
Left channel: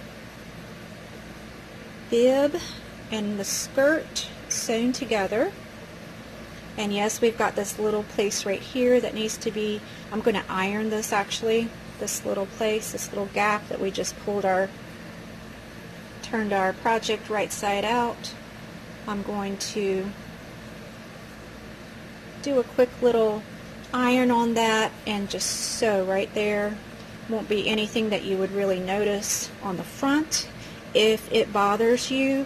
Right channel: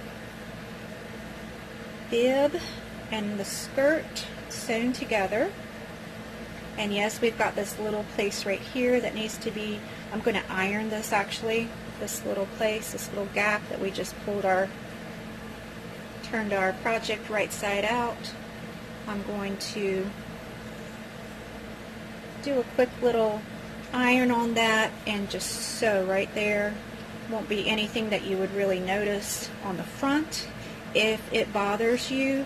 bib and the skirt sewn together. And yes, we've got this little place right here that needs to be, I'm going to iron this actually, this little place, this little gap that we just turned our project right side out. I'm going to do a quick little iron on that and just sew right there. Won't be anything that you would really notice on the front. If it bothers you,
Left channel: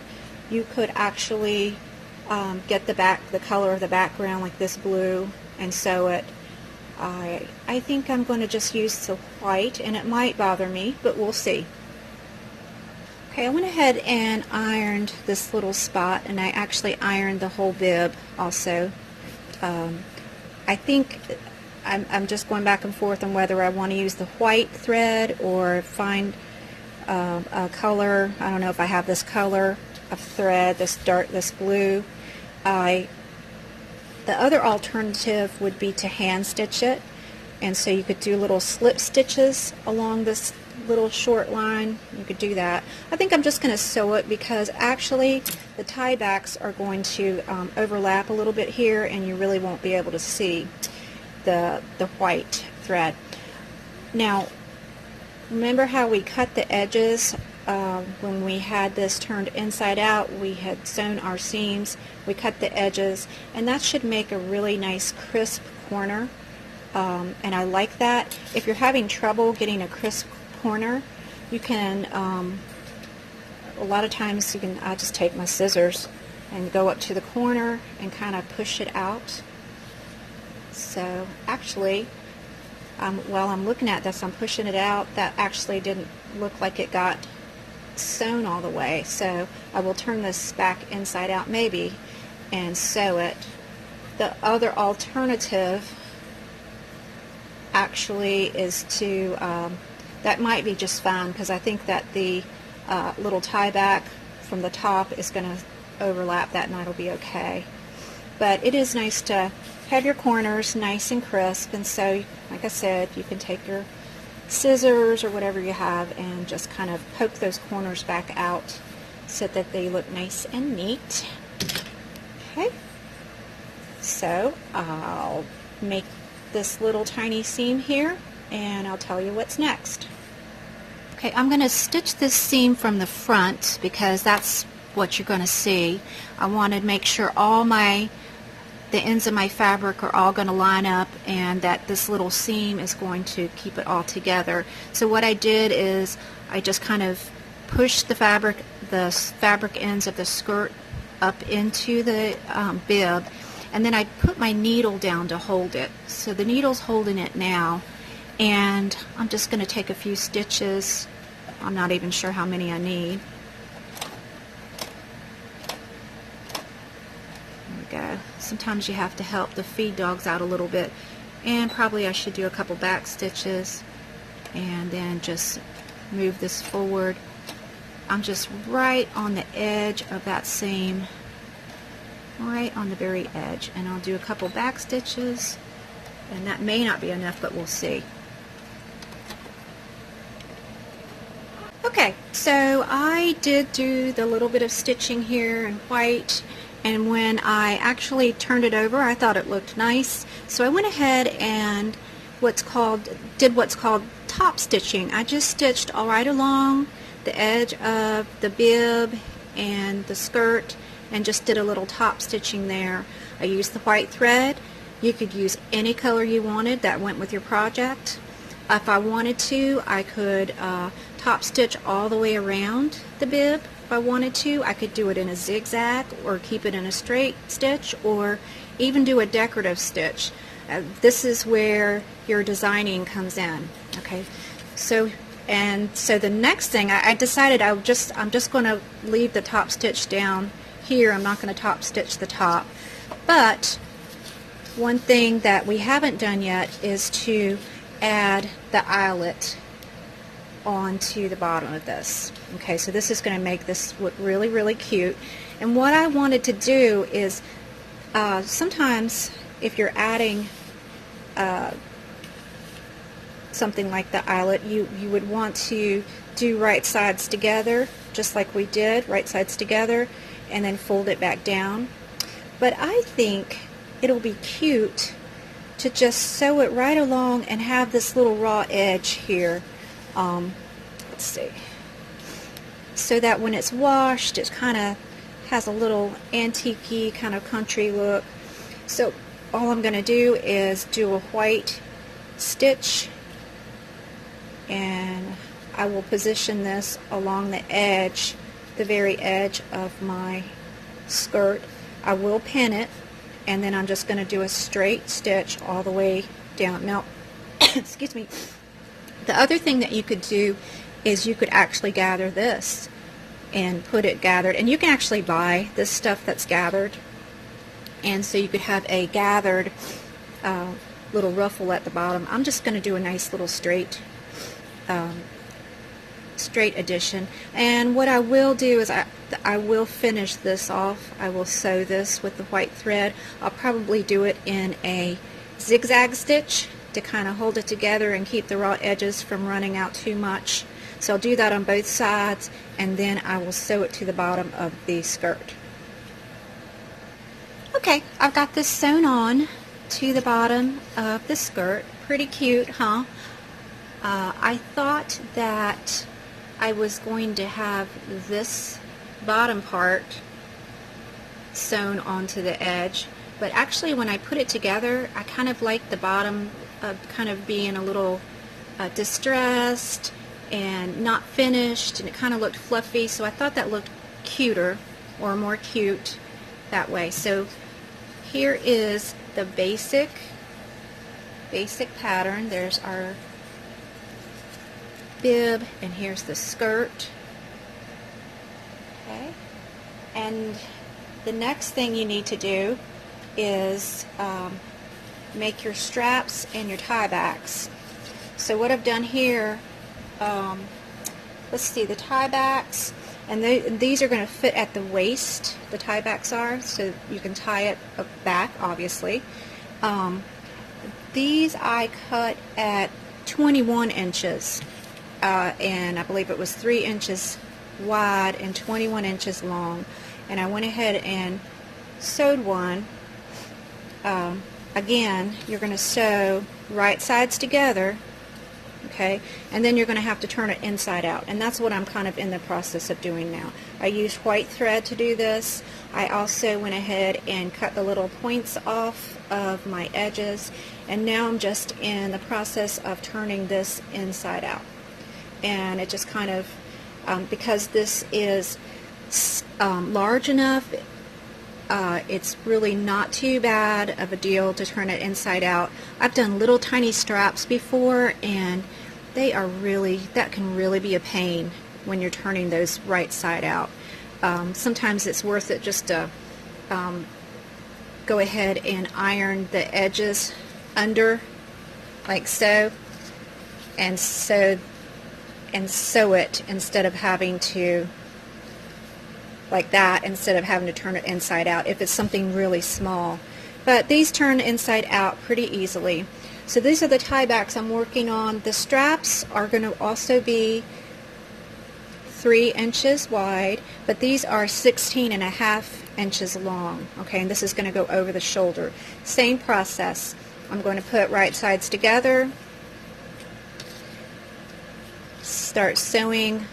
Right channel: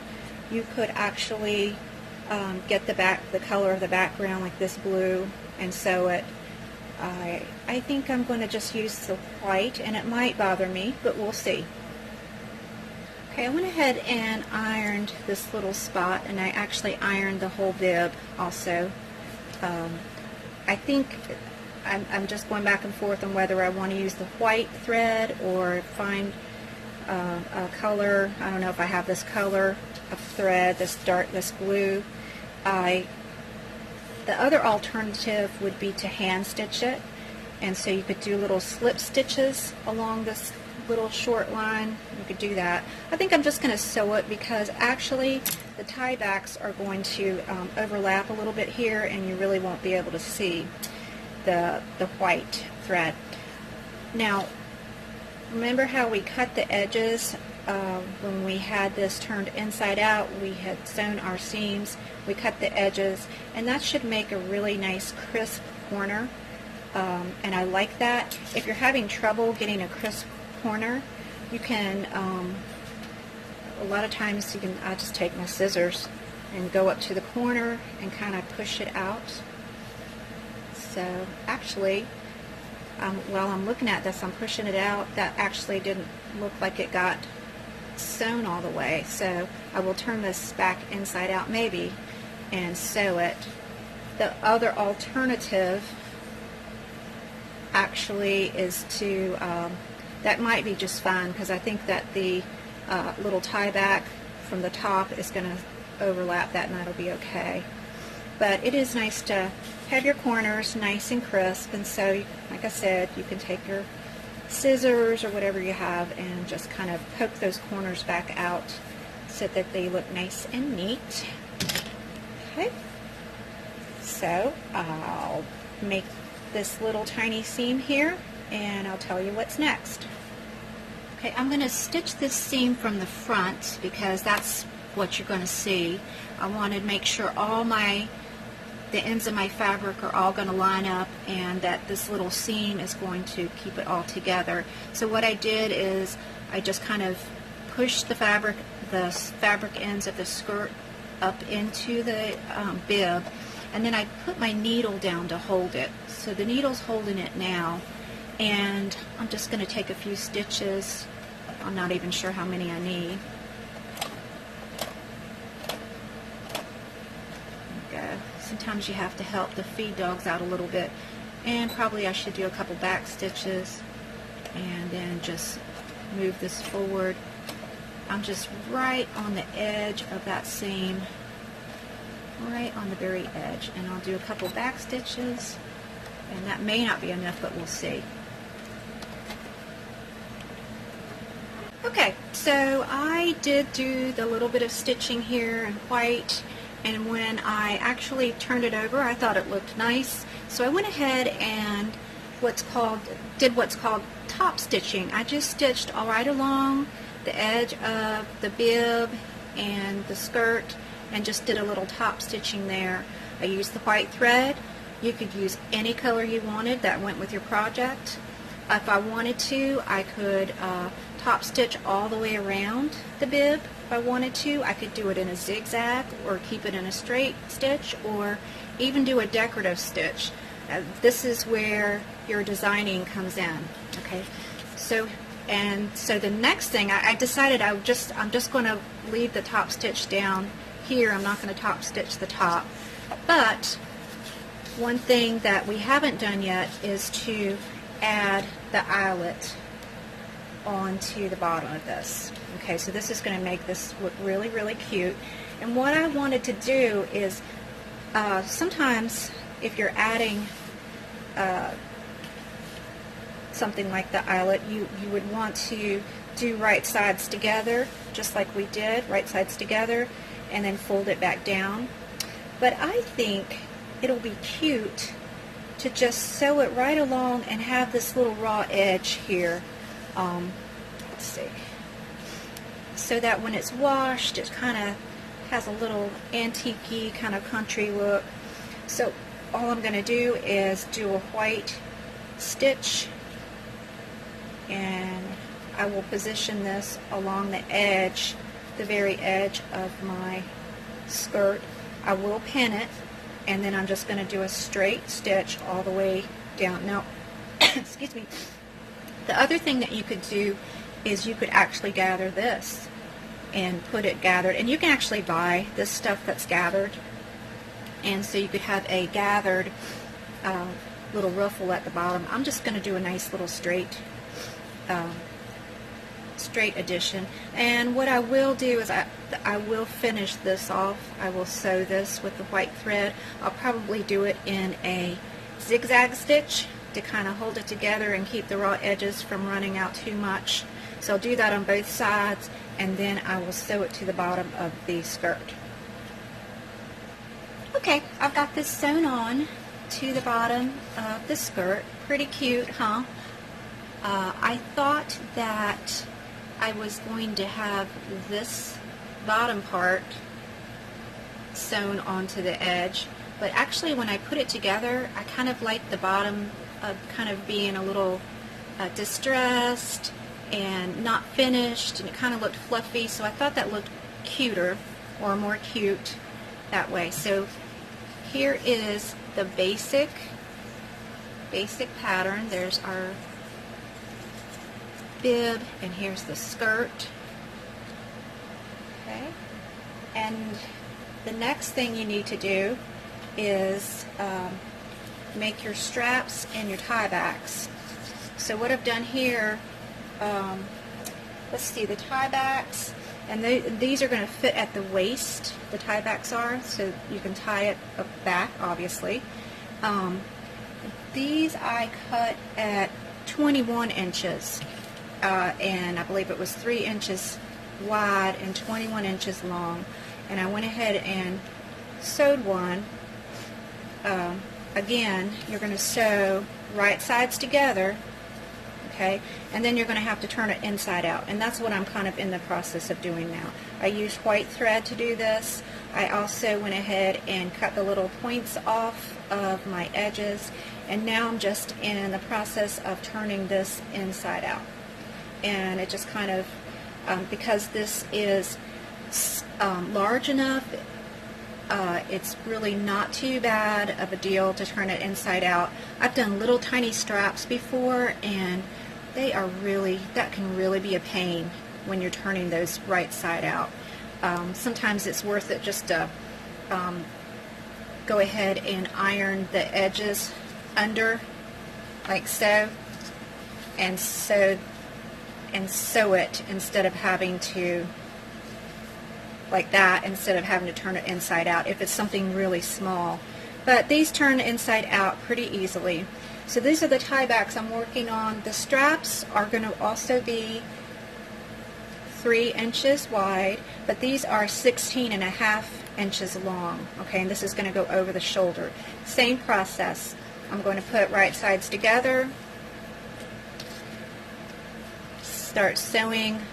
you could actually get the color of the background, like this blue, and sew it. I think I'm going to just use the white, and it might bother me, but we'll see. Okay, I went ahead and ironed this little spot, and I actually ironed the whole bib also. I think I'm just going back and forth on whether I want to use the white thread or find a color. I don't know if I have this color of thread, this blue. The other alternative would be to hand stitch it, and so you could do little slip stitches along this little short line. You could do that. I think I'm just going to sew it, because actually the tie backs are going to overlap a little bit here, and you really won't be able to see the white thread. Now, remember how we cut the edges when we had this turned inside out? We had sewn our seams, we cut the edges, and that should make a really nice crisp corner, and I like that. If you're having trouble getting a crisp corner, you can, a lot of times I just take my scissors and go up to the corner and kind of push it out. So actually, while I'm looking at this, I'm pushing it out. That actually didn't look like it got sewn all the way, so I will turn this back inside out maybe and sew it. The other alternative actually is to, that might be just fine, because I think that the little tie back from the top is going to overlap that, and that'll be okay. But it is nice to have your corners nice and crisp, and so, like I said, you can take your scissors or whatever you have and just kind of poke those corners back out so that they look nice and neat. Okay, so I'll make this little tiny seam here, and I'll tell you what's next. Okay, I'm going to stitch this seam from the front, because that's what you're going to see. I want to make sure the ends of my fabric are all going to line up, and that this little seam is going to keep it all together. So what I did is I just kind of pushed the fabric ends of the skirt up into the bib, and then I put my needle down to hold it. So the needle's holding it now, and I'm just going to take a few stitches. I'm not even sure how many I need. There we go. sometimes you have to help the feed dogs out a little bit. And probably I should do a couple back stitches and then just move this forward. I'm just right on the edge of that seam, right on the very edge, and I'll do a couple back stitches, and that may not be enough, but we'll see. Okay, so I did do the little bit of stitching here in white, and when I actually turned it over, I thought it looked nice, so I went ahead and did what's called top stitching. I just stitched all right along the edge of the bib and the skirt and just did a little top stitching there. I used the white thread. You could use any color you wanted that went with your project. If I wanted to, I could top stitch all the way around the bib. If I wanted to, I could do it in a zigzag or keep it in a straight stitch, or even do a decorative stitch. This is where your designing comes in. Okay, so the next thing I decided I'm just going to leave the top stitch down here. I'm not going to top stitch the top, but one thing that we haven't done yet is to add the eyelet onto the bottom of this. Okay, so this is going to make this look really, really cute. And what I wanted to do is sometimes if you're adding something like the eyelet, you would want to do right sides together, just like we did, right sides together, and then fold it back down. But I think it'll be cute to just sew it right along and have this little raw edge here. Let's see. So that when it's washed, it kind of has a little antique-y kind of country look. So all I'm going to do is do a white stitch, and I will position this along the edge, the very edge of my skirt. I will pin it, and then I'm just going to do a straight stitch all the way down. Now, excuse me, the other thing that you could do is you could actually gather this and put it gathered, and you can actually buy this stuff that's gathered, and so you could have a gathered little ruffle at the bottom. I'm just going to do a nice little straight addition, and what I will do is I will finish this off. I will sew this with the white thread. I'll probably do it in a zigzag stitch to kind of hold it together and keep the raw edges from running out too much. So I'll do that on both sides, and then I will sew it to the bottom of the skirt. Okay, I've got this sewn on to the bottom of the skirt. Pretty cute, huh? I thought that I was going to have this bottom part sewn onto the edge, but actually when I put it together, I kind of like the bottom kind of being a little distressed and not finished, and it kind of looked fluffy, so I thought that looked cuter, or more cute that way. So here is the basic pattern. There's our bib, and here's the skirt. Okay, and the next thing you need to do is make your straps and your tie backs. So what I've done here, let's see, the tie backs, and these are going to fit at the waist, the tie backs are, so you can tie it back, obviously. These I cut at 21 inches, and I believe it was 3 inches wide and 21 inches long, and I went ahead and sewed one. Again, you're going to sew right sides together, okay, and then you're going to have to turn it inside out, and that's what I'm kind of in the process of doing now. I used white thread to do this. I also went ahead and cut the little points off of my edges, and now I'm just in the process of turning this inside out. And it just kind of, because this is large enough, it's really not too bad of a deal to turn it inside out. I've done little tiny straps before, and they are really, that can really be a pain when you're turning those right side out. Sometimes it's worth it just to go ahead and iron the edges under like so, and sew it instead of having to, like that, instead of having to turn it inside out if it's something really small. But these turn inside out pretty easily. So these are the tie backs I'm working on. The straps are going to also be 3 inches wide, but these are 16.5 inches long. Okay, and this is going to go over the shoulder. Same process. I'm going to put right sides together, start sewing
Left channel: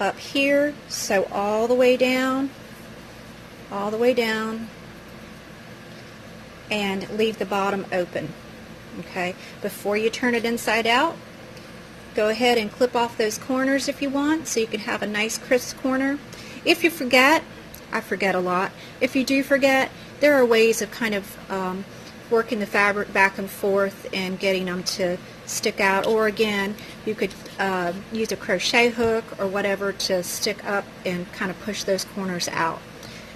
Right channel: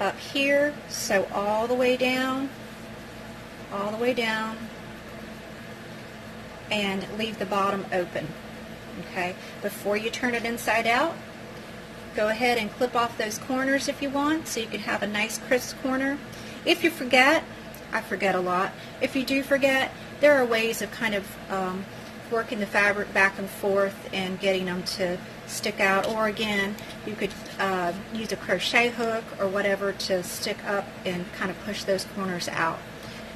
up here, sew all the way down, and leave the bottom open. Okay, before you turn it inside out, go ahead and clip off those corners if you want, so you can have a nice crisp corner. If you forget, I forget a lot, if you do forget, there are ways of kind of working the fabric back and forth and getting them to stick out, or again, you could use a crochet hook or whatever to stick up and kind of push those corners out.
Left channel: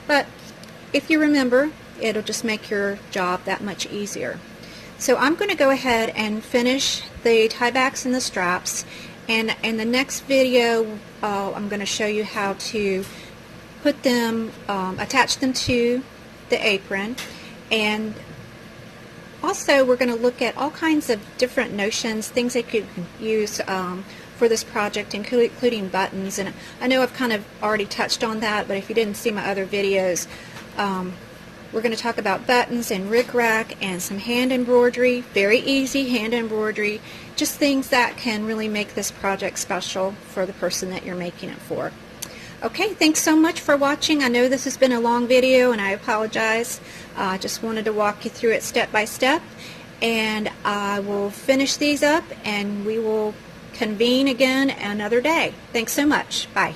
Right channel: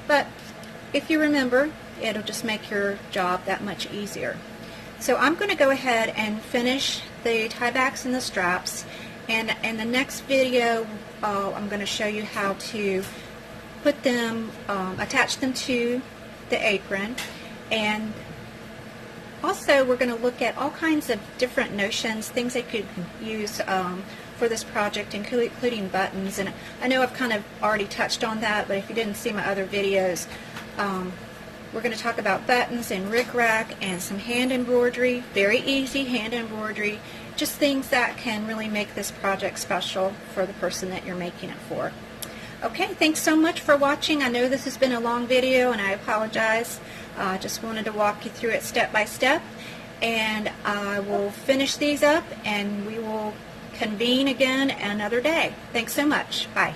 But if you remember, it'll just make your job that much easier. So I'm going to go ahead and finish the tie backs and the straps, and in the next video I'm going to show you how to put them, attach them to the apron, and also we're going to look at all kinds of different notions, things they could use for this project, including buttons. And I know I've kind of already touched on that, but if you didn't see my other videos, we're going to talk about buttons and rickrack and some hand embroidery, very easy hand embroidery, just things that can really make this project special for the person that you're making it for. Okay, thanks so much for watching. I know this has been a long video and I apologize. I just wanted to walk you through it step by step, and I will finish these up and we will convene again another day. Thanks so much. Bye.